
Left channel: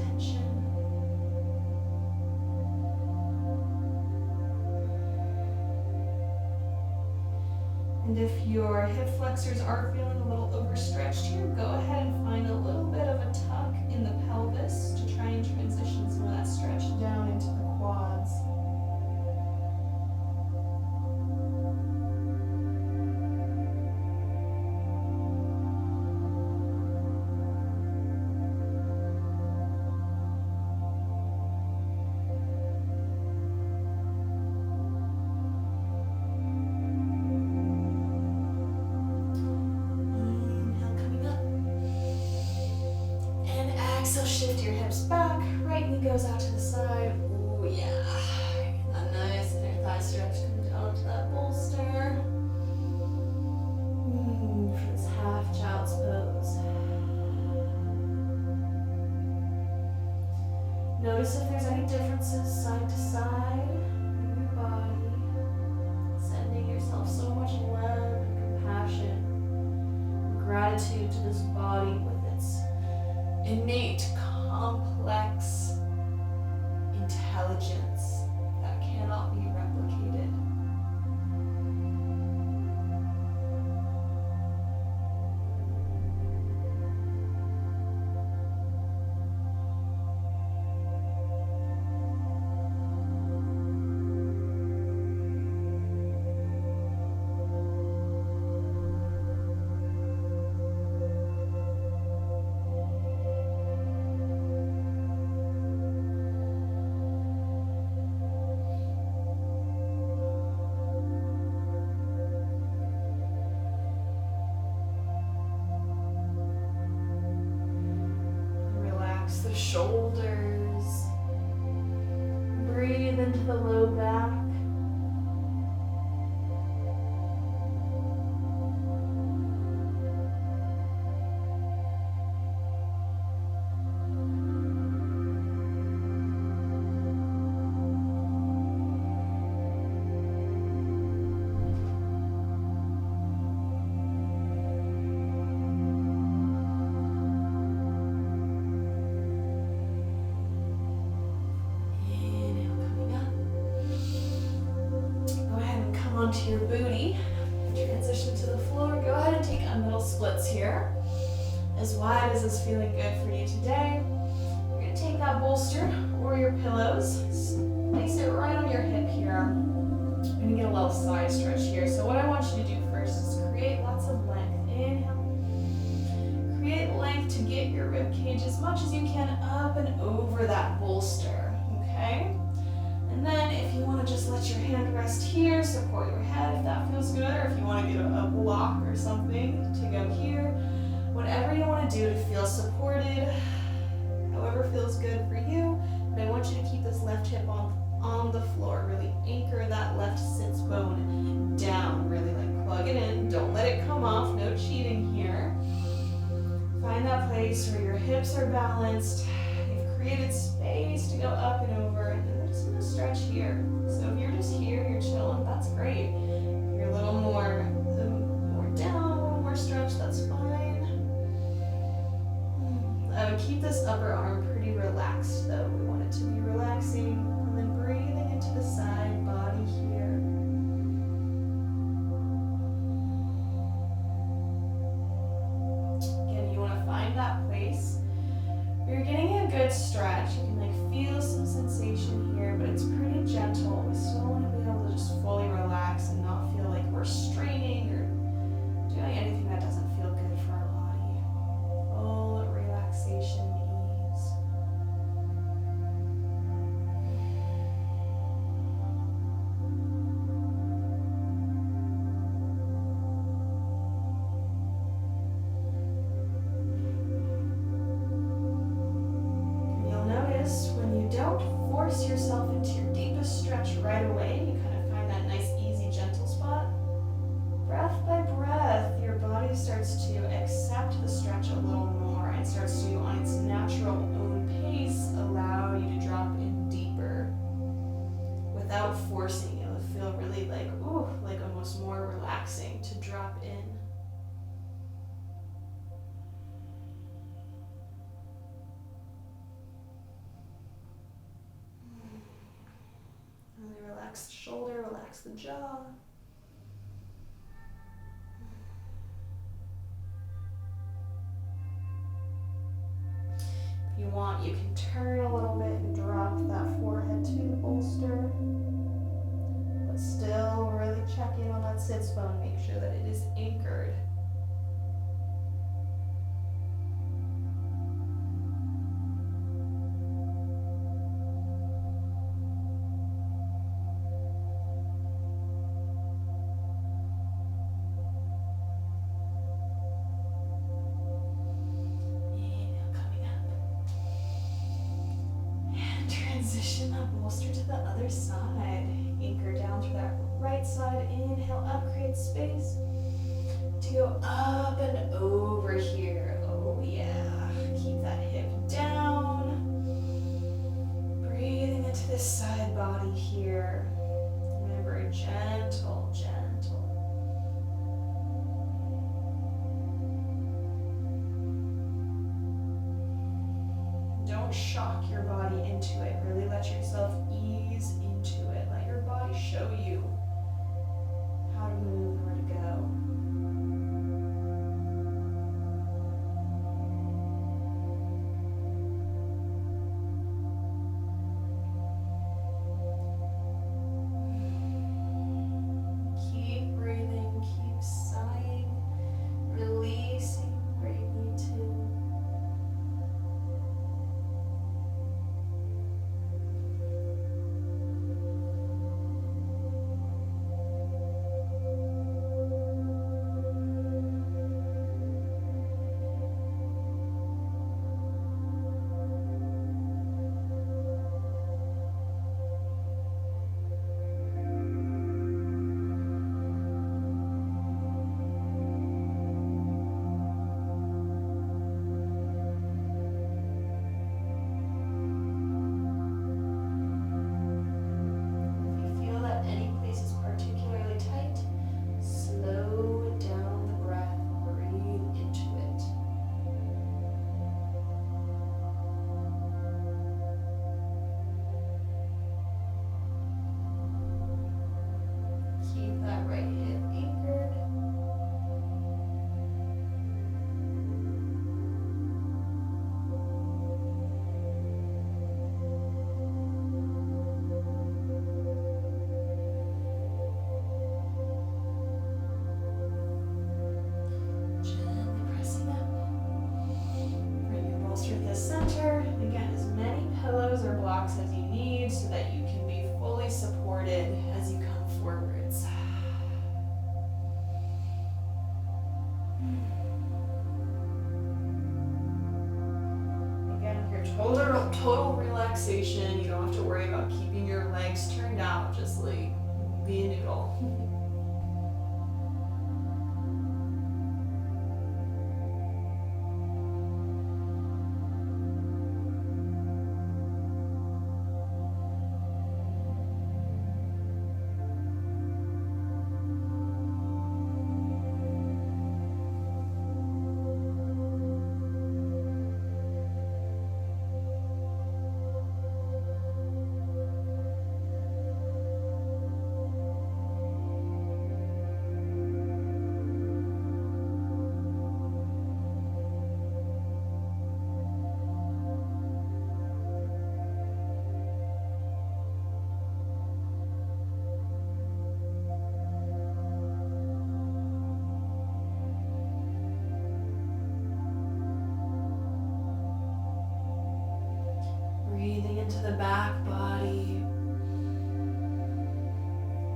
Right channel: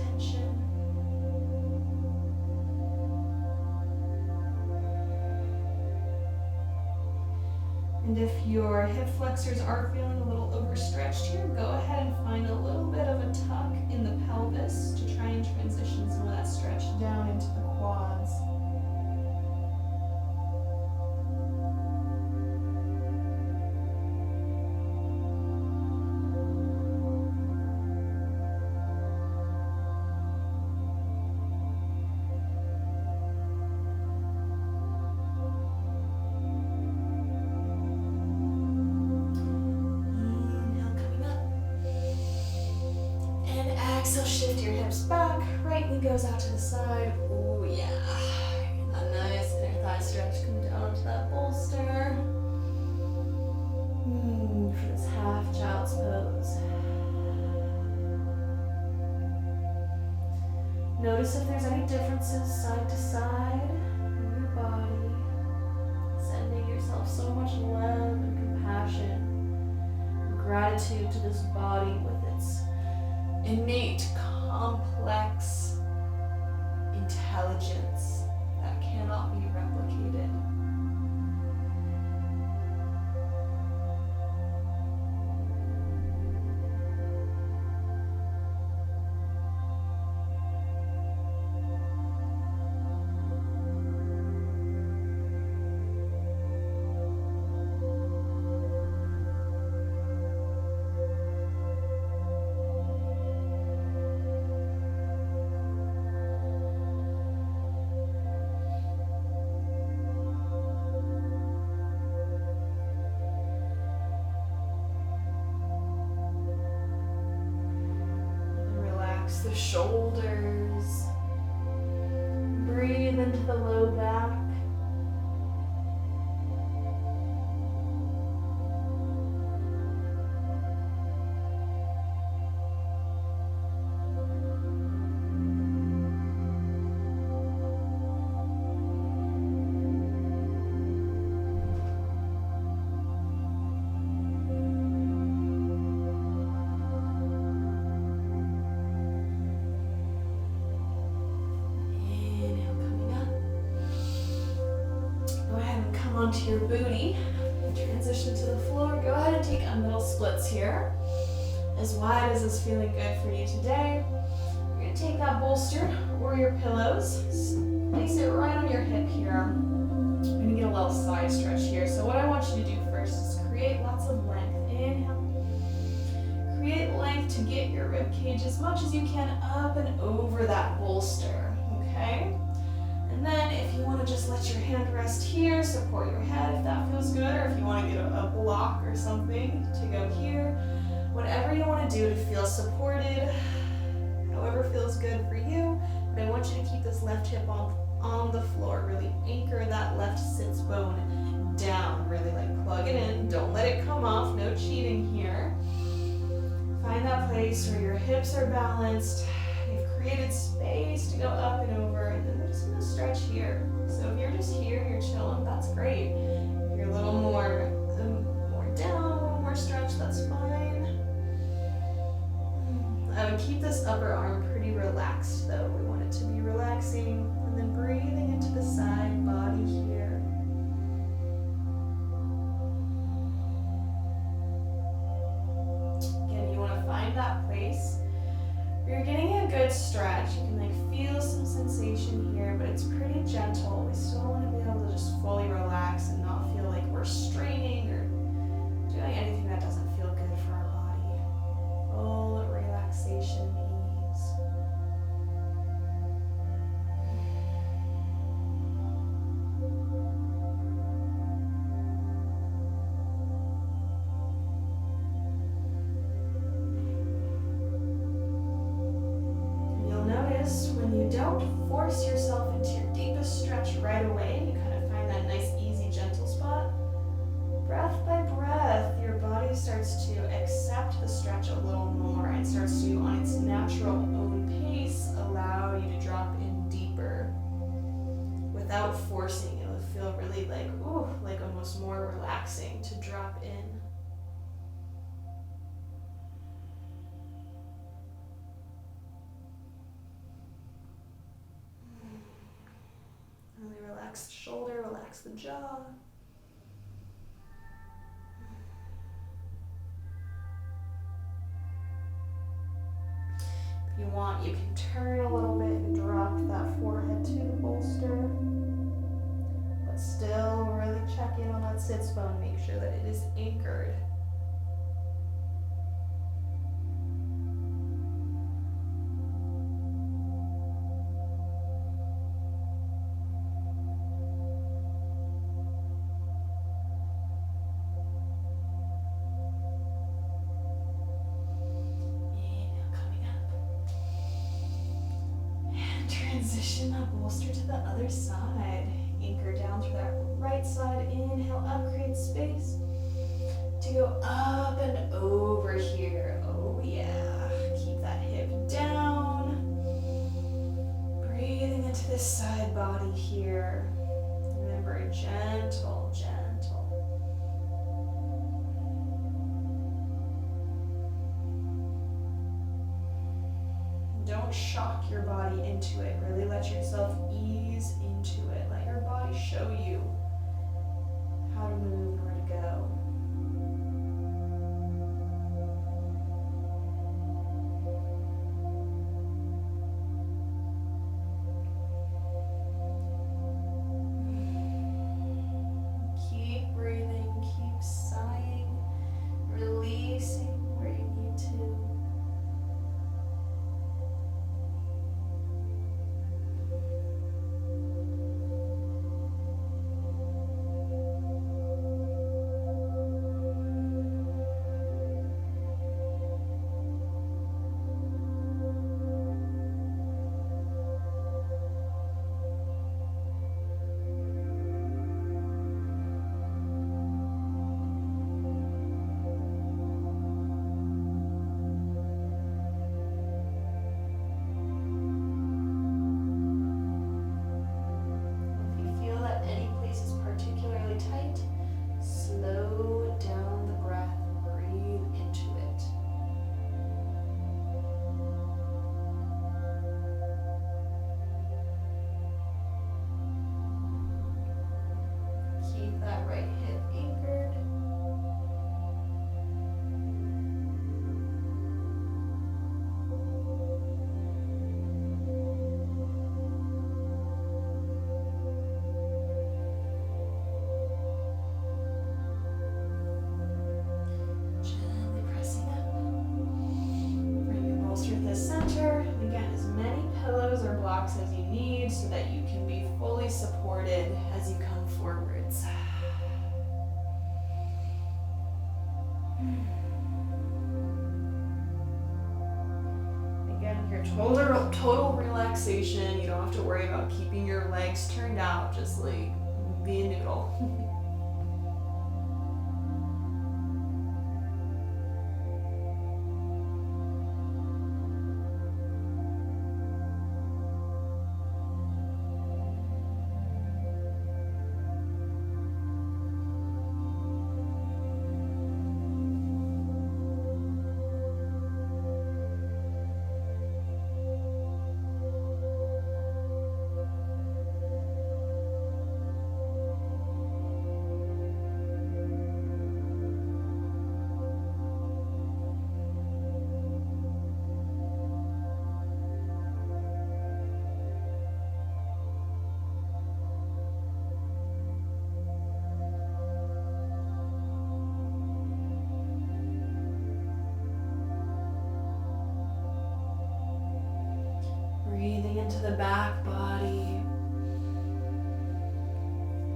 And if your hip flexors are feeling a little overstretched here, go ahead and find a little bit of a tuck in the pelvis to try and transition some of that stretch down into the quads. Exhale, shift your hips back. Right knee goes out to the side. Ooh, yeah. That nice inner thigh stretch. Come down to that bolster. For this half child's pose. Notice if there's any differences side to side in your body. Sending yourself so much love and compassion and gratitude to this body with its innate, complex intelligence that cannot be replicated. The shoulders. Breathe into the low back. Onto your booty, transition to the floor. Go ahead and take a middle splits here. As wide as is feeling good for you today. You're going to take that bolster or your pillows, place it right on your hip here. You're going to get a little side stretch here. So what I want you to do first is create lots of length. Inhale. Create length to get your rib cage as much as you can up and over that bolster. Okay? And then if you want to just let your hand rest here, support your head if that feels good, or if you want to get a block or something to go here. Whatever you want to do to feel supported, however feels good for you. But I want you to keep this left hip on the floor. Really anchor that left sits bone down. Really like plug it in. Don't let it come off. No cheating here. Find that place where your hips are balanced. You've created space to go up and over, and then we're just gonna stretch here. So if you're just here, you're chilling, that's great. If you're a little more down, a little more stretch, that's fine. I would keep this upper arm pretty relaxed though. We want it to be relaxing, and then breathing into the side body here. Again, you want to find that place. You're getting a good stretch. You can like feel some sensation here, but it's pretty gentle. We still want to be able to just fully relax and not feel like we're straining or doing anything that doesn't feel good for our body. Full relaxation, ease. When you don't force yourself into your deepest stretch right away, you kind of find that nice, easy, gentle spot. Breath by breath, your body starts to accept the stretch a little more and starts to, on its natural own pace, allow you to drop in deeper without forcing. It'll feel really like, ooh, like almost more relaxing to drop in. Really relax the shoulder, relax the jaw. you want, you can turn a little bit and drop that forehead to the bolster. But still really check in on that sits bone, make sure that it is anchored. Transition that bolster to the other side. Anchor down through that right side. Inhale up, create space to go up and over here. Oh yeah. Keep that hip down. Breathing into this side body here. Remember, gentle, gentle. Don't shock your body into it. Really let yourself ease into it. Let your body show you how to move and where to go. Keep breathing, keep sighing, releasing where you need to. Tight, slow down the breath, breathe into it. Keep that right hip anchored. Center. Again, as many pillows or blocks as you need so that you can be fully supported as you come forwards. Again, here, total relaxation. You don't have to worry about keeping your legs turned out. Just like be a noodle. Breathing into the back body.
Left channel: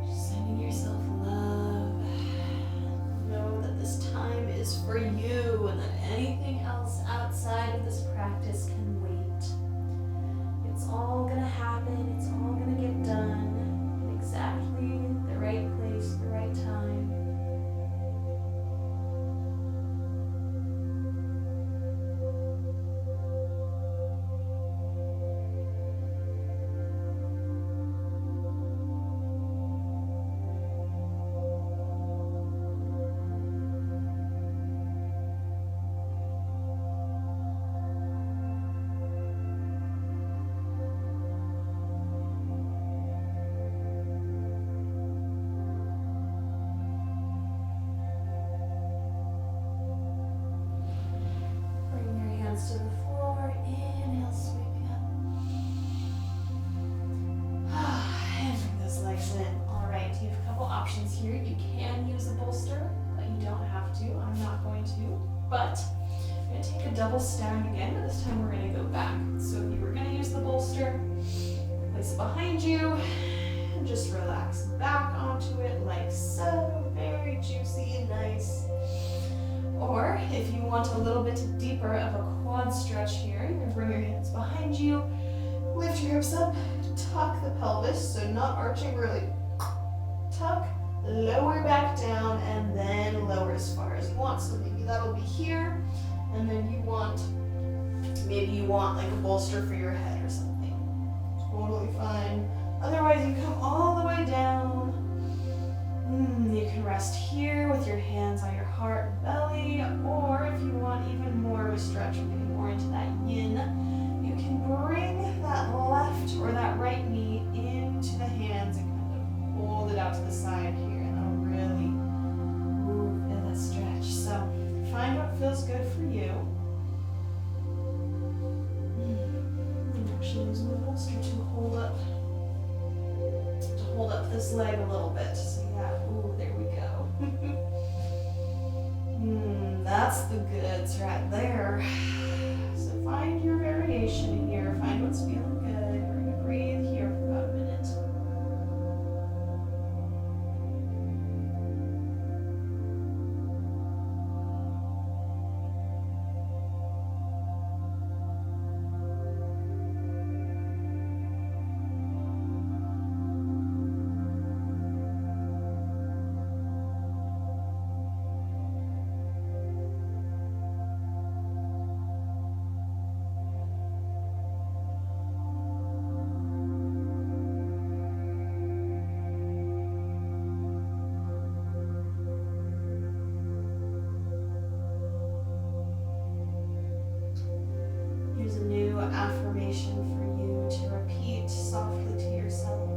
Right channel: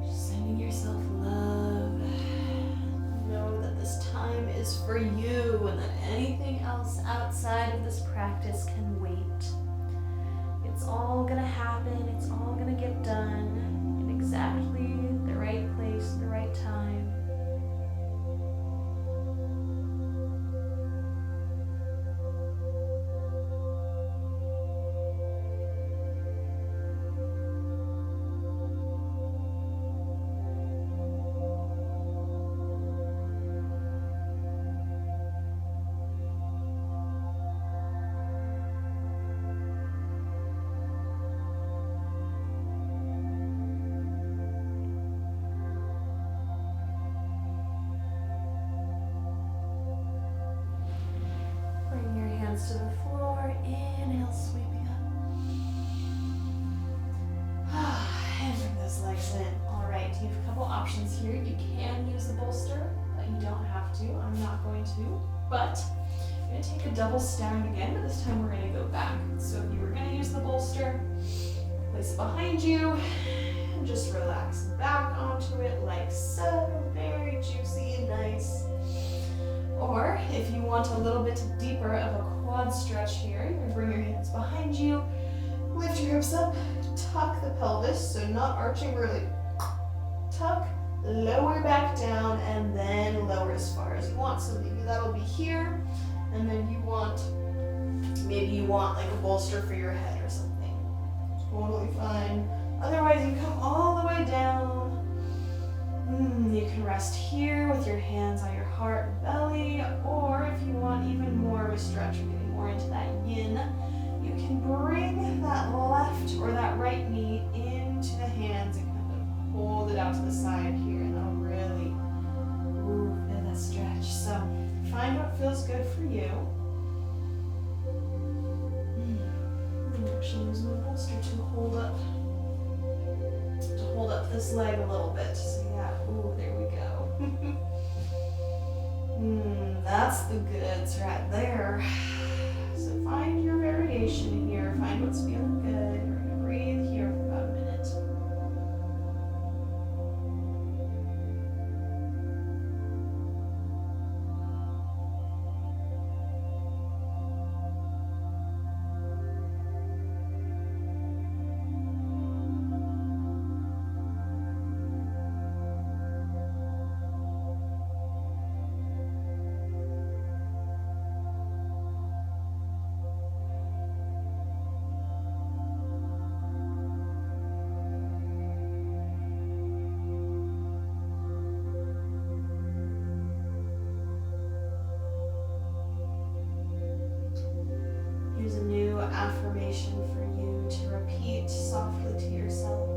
Just sending yourself love. Know that this time is for you and that anything else outside of this practice can wait. It's all gonna happen. It's all gonna get done in exactly the right place, the right time. To the floor, inhale here, you can use a bolster, but you don't have to. I'm not going to. But I'm going to take a double stag again, but this time we're going to go back. So if you were going to use the bolster, place it behind you, and just relax back onto it like so. Very juicy and nice. Or if you want a little bit deeper of a quad stretch here, you're going to bring your hands behind you, lift your hips up, tuck the pelvis, so not arching, really tuck, lower back down, and then lower as far as you want. So maybe that'll be here, and then maybe you want like a bolster for your head or something. Totally fine. Otherwise, you come all the way down. You can rest here with your hands on your heart and belly, or if you want even more of a stretch, we're getting more into that yin, you can bring that left or that right knee into the hands and kind of hold it out to the side here, and that'll really feel that stretch. So find what feels good for you. I'm actually using the bolster to hold up this leg a little bit. So yeah, there we go. That's the goods right there. So find your variation here, find what's feeling good. We're gonna breathe here for about a minute. Here's a new affirmation for you to repeat softly to yourself.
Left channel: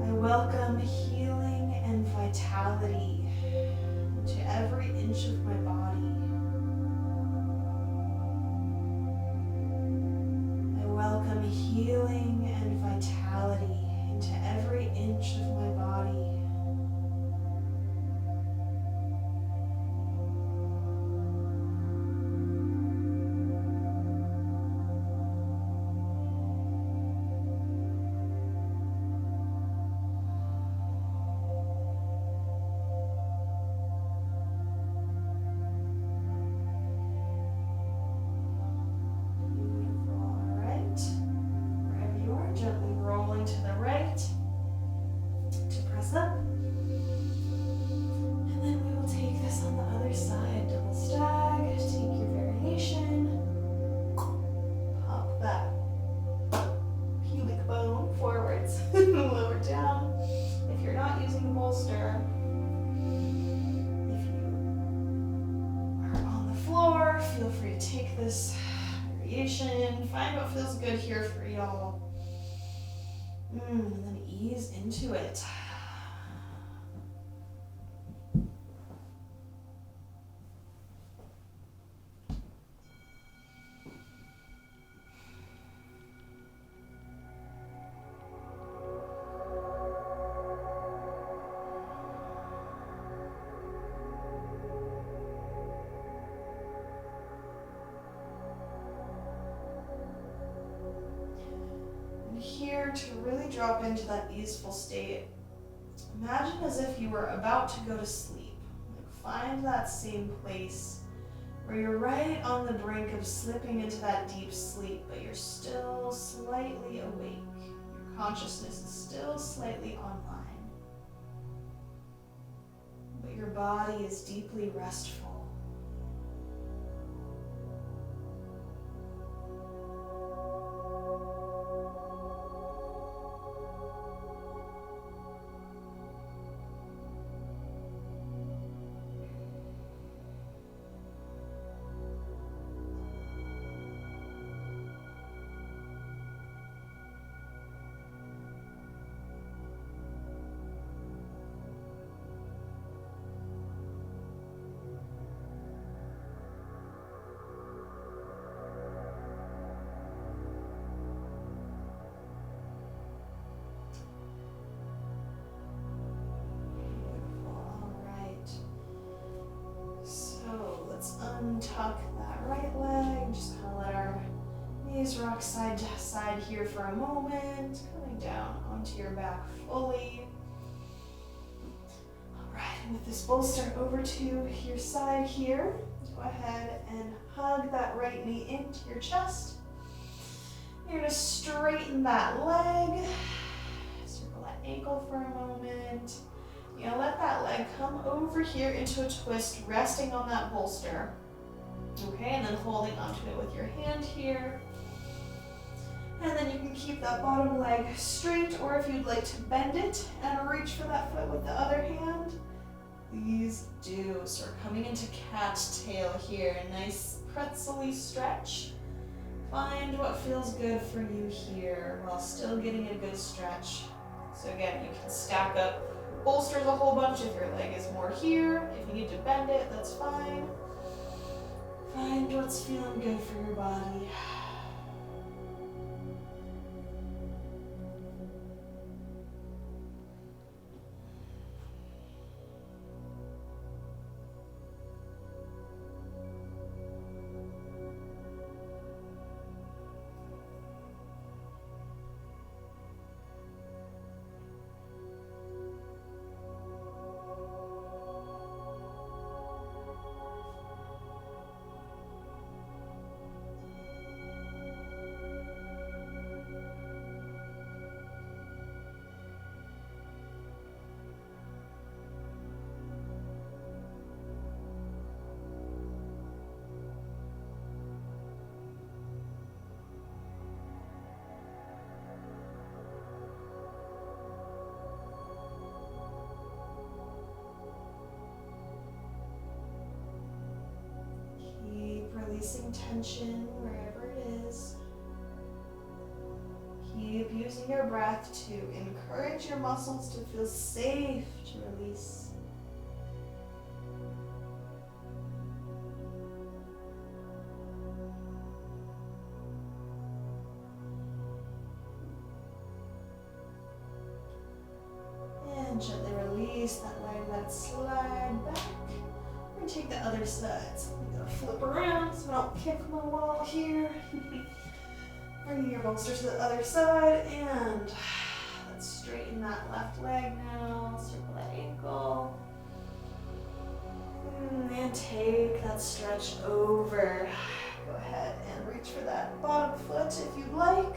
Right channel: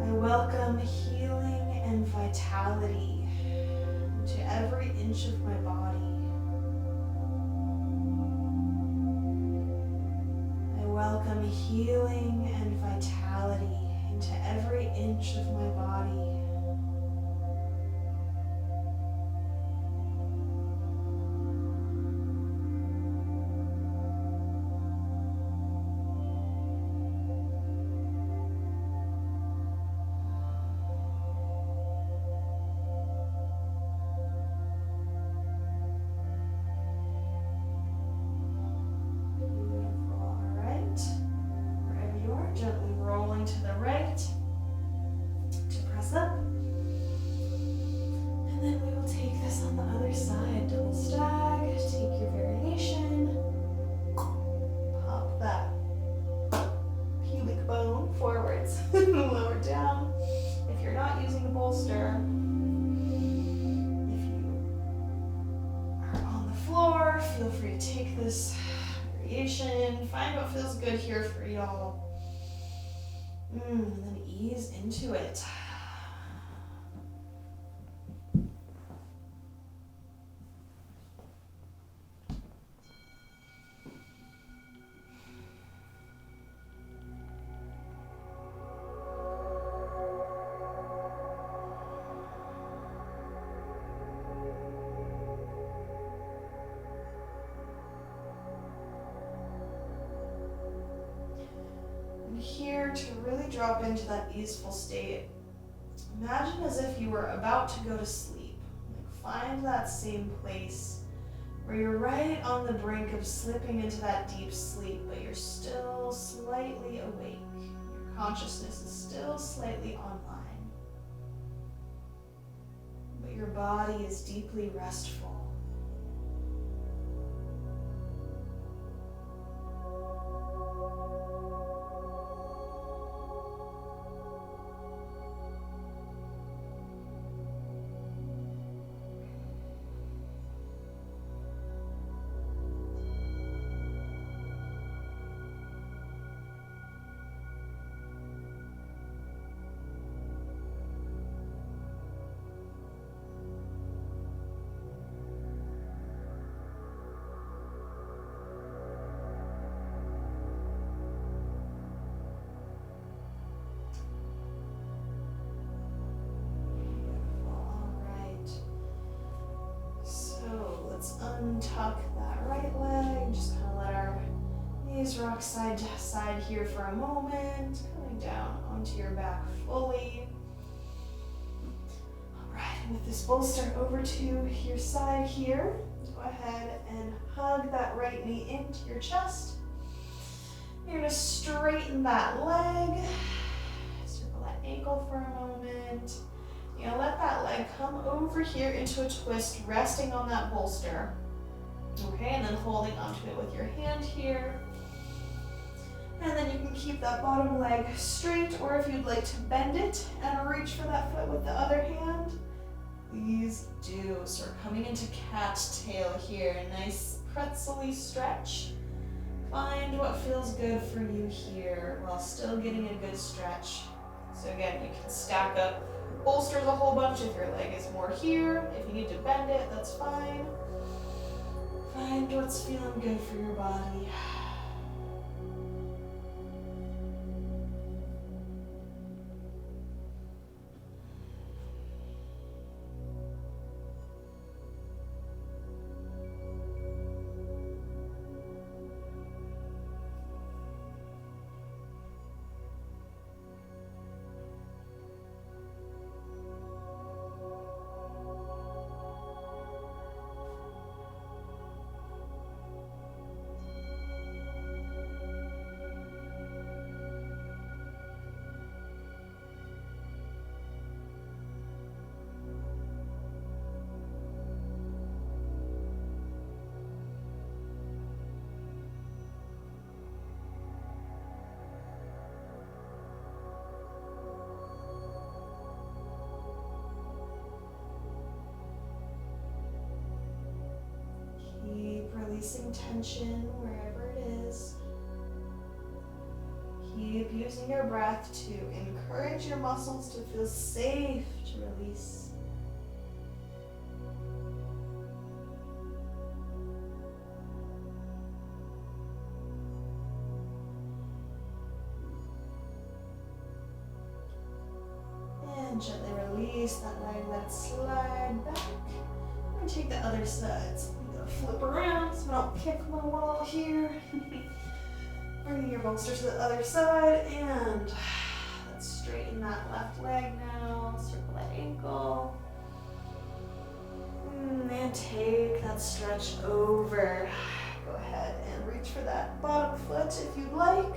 I welcome healing and vitality into every inch of my body. I welcome healing and vitality into every inch of my body. Gently rolling to the right to press up. And then we will take this on the other side. Double stag, take your variation. Pop that pubic bone forwards, lower down. If you're not using a bolster, if you are on the floor, feel free to take this variation. Find what feels good here for y'all. And then ease into it. Here to really drop into that easeful state, imagine as if you were about to go to sleep. Find that same place where you're right on the brink of slipping into that deep sleep, but you're still slightly awake. Your consciousness is still slightly online, but your body is deeply restful. untuck that right leg and just kind of let our knees rock side to side here for a moment, coming down onto your back fully. All right, and with this bolster over to your side here, go ahead and hug that right knee into your chest. You're gonna straighten that leg, circle that ankle for a moment. You're gonna let that leg come over here into a twist, resting on that bolster. Okay, and then holding onto it with your hand here. And then you can keep that bottom leg straight, or if you'd like to bend it and reach for that foot with the other hand, please do. So we're coming into cattail here. Nice pretzel-y stretch. Find what feels good for you here while still getting a good stretch. So again, you can stack up bolsters a whole bunch if your leg is more here. If you need to bend it, that's fine. Find what's feeling good for your body. Keep releasing tension wherever it is. Keep using your breath to encourage your muscles to feel safe to release. And gently release that leg, let it slide back. And take the other side. So I'm gonna flip around so I don't kick my wall here. Bring your bolster to the other side, and let's straighten that left leg now. Circle that ankle. And take that stretch over. Go ahead and reach for that bottom foot if you'd like.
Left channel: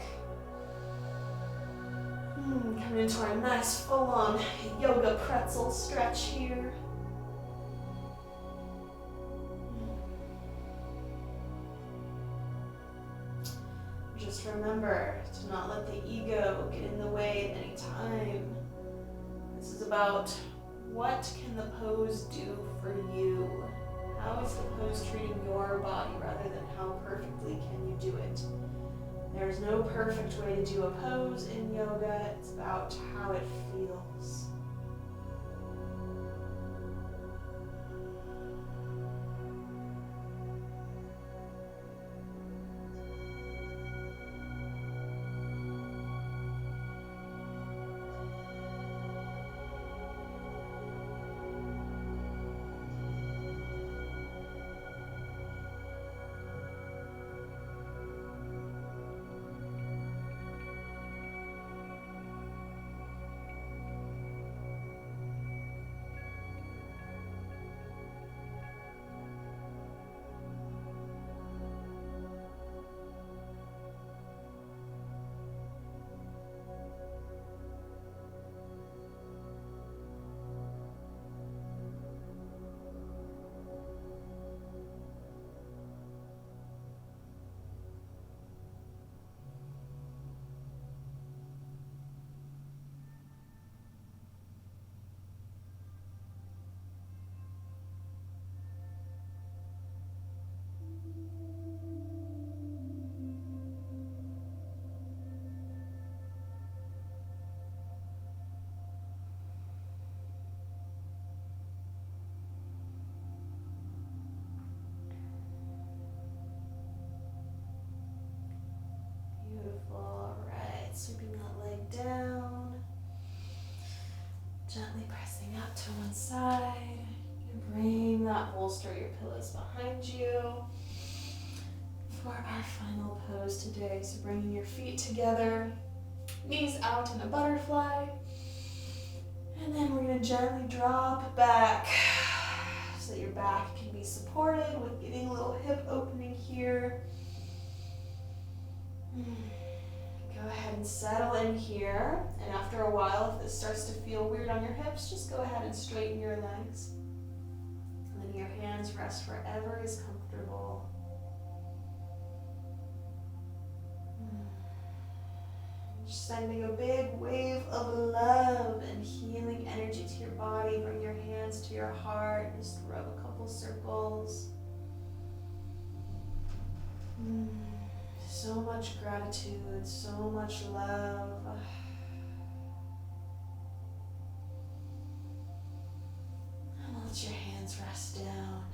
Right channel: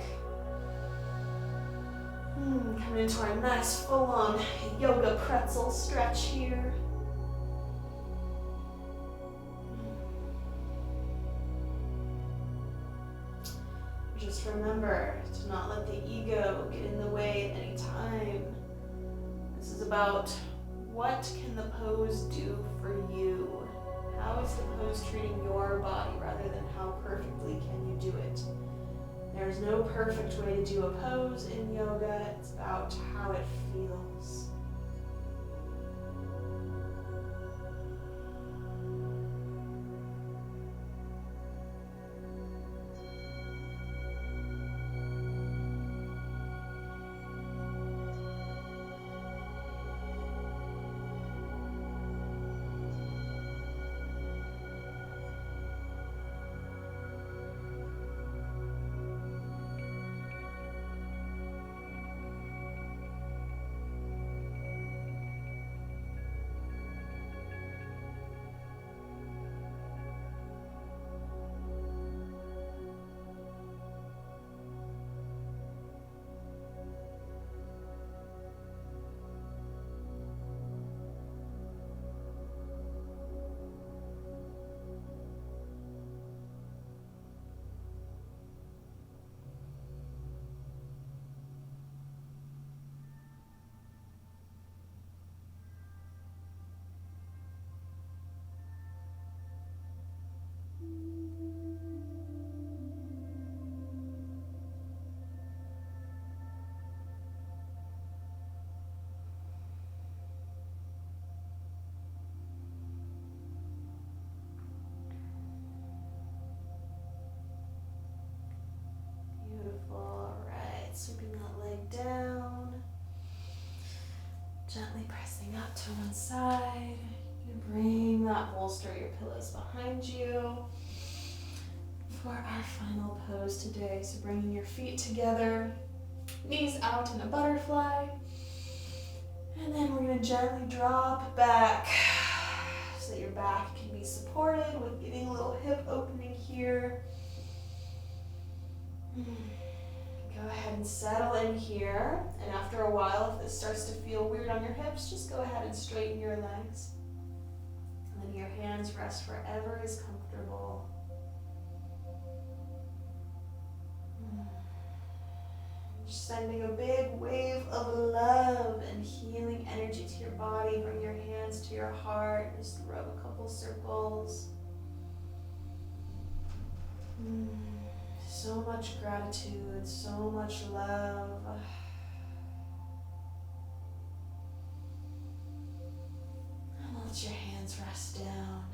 Coming into our nice full-on yoga pretzel stretch here. Just remember to not let the ego get in the way at any time. This is about what can the pose do for you? How is the pose treating your body rather than how perfectly can you do it? There's no perfect way to do a pose in yoga. It's about how it feels. Sweeping that leg down, gently pressing up to one side. You bring that bolster bolster your pillows behind you for our final pose today. So bringing your feet together, knees out in a butterfly, and then we're going to gently drop back so that your back can be supported with getting a little hip opening here. Go ahead and settle in here, and after a while, if this starts to feel weird on your hips, just go ahead and straighten your legs. And then your hands rest wherever is comfortable. Just sending a big wave of love and healing energy to your body. Bring your hands to your heart, just rub a couple circles. So much gratitude, so much love. And let your hands rest down.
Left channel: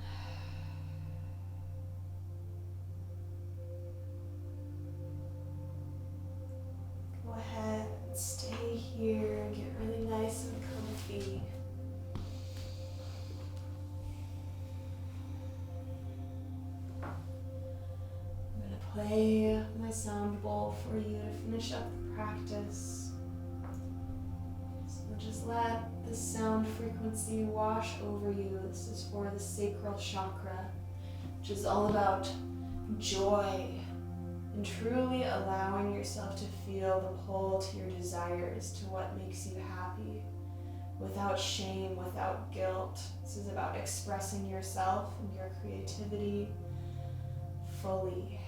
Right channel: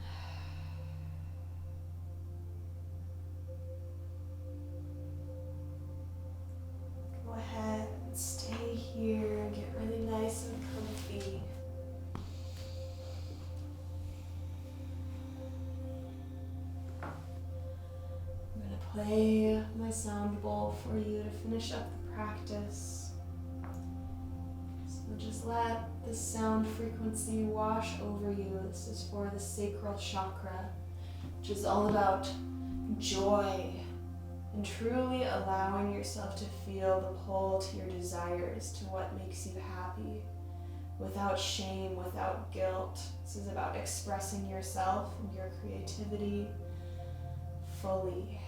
Go ahead and stay here, get really nice and comfy. Play my sound bowl for you to finish up the practice. So just let the sound frequency wash over you. This is for the sacral chakra, which is all about joy and truly allowing yourself to feel the pull to your desires, to what makes you happy, without shame, without guilt. This is about expressing yourself and your creativity fully.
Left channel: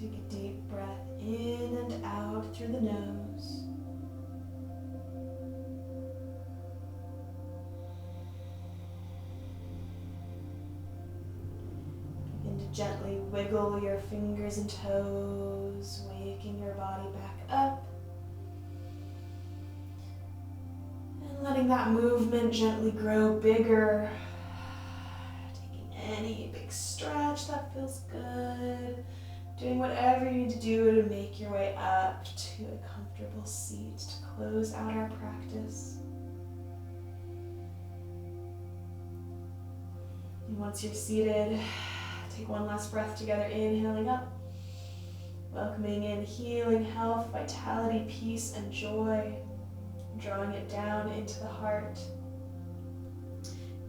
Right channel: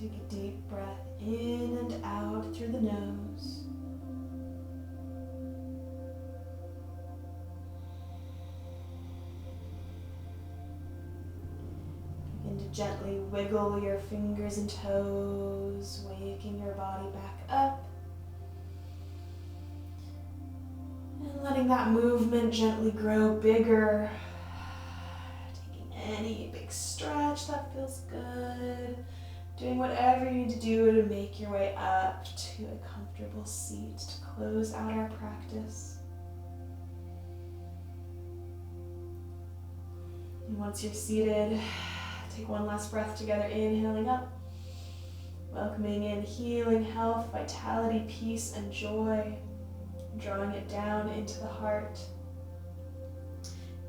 Take a deep breath in and out through the nose. Begin to gently wiggle your fingers and toes, waking your body back up. And letting that movement gently grow bigger. Taking any big stretch that feels good. Doing whatever you need to do to make your way up to a comfortable seat to close out our practice. And once you're seated, take one last breath together, inhaling up, welcoming in healing, health, vitality, peace, and joy, drawing it down into the heart.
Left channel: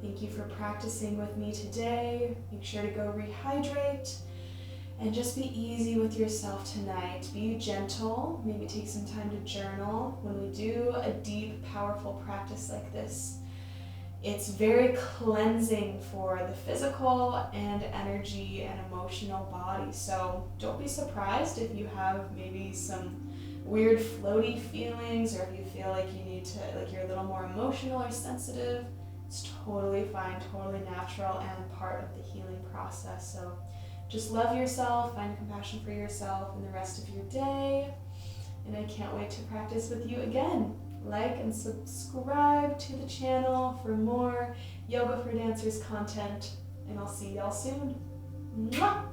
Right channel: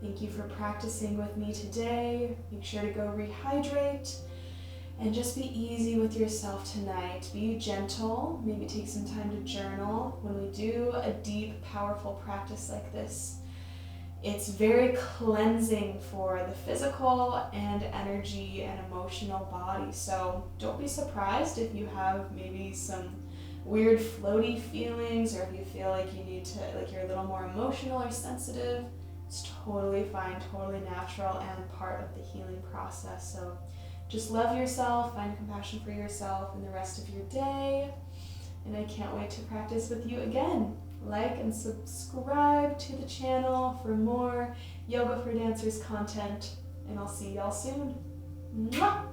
Thank you for practicing with me today. Make sure to go rehydrate. And just be easy with yourself tonight. Be gentle. Maybe take some time to journal. When we do a deep, powerful practice like this, it's very cleansing for the physical and energy and emotional body. So don't be surprised if you have maybe some weird floaty feelings, or if you feel like you need to, like you're a little more emotional or sensitive. It's totally fine, totally natural, and part of the healing process. So just love yourself, find compassion for yourself in the rest of your day, and I can't wait to practice with you again. Like and subscribe to the channel for more Yoga for Dancers content, and I'll see y'all soon. Mwah!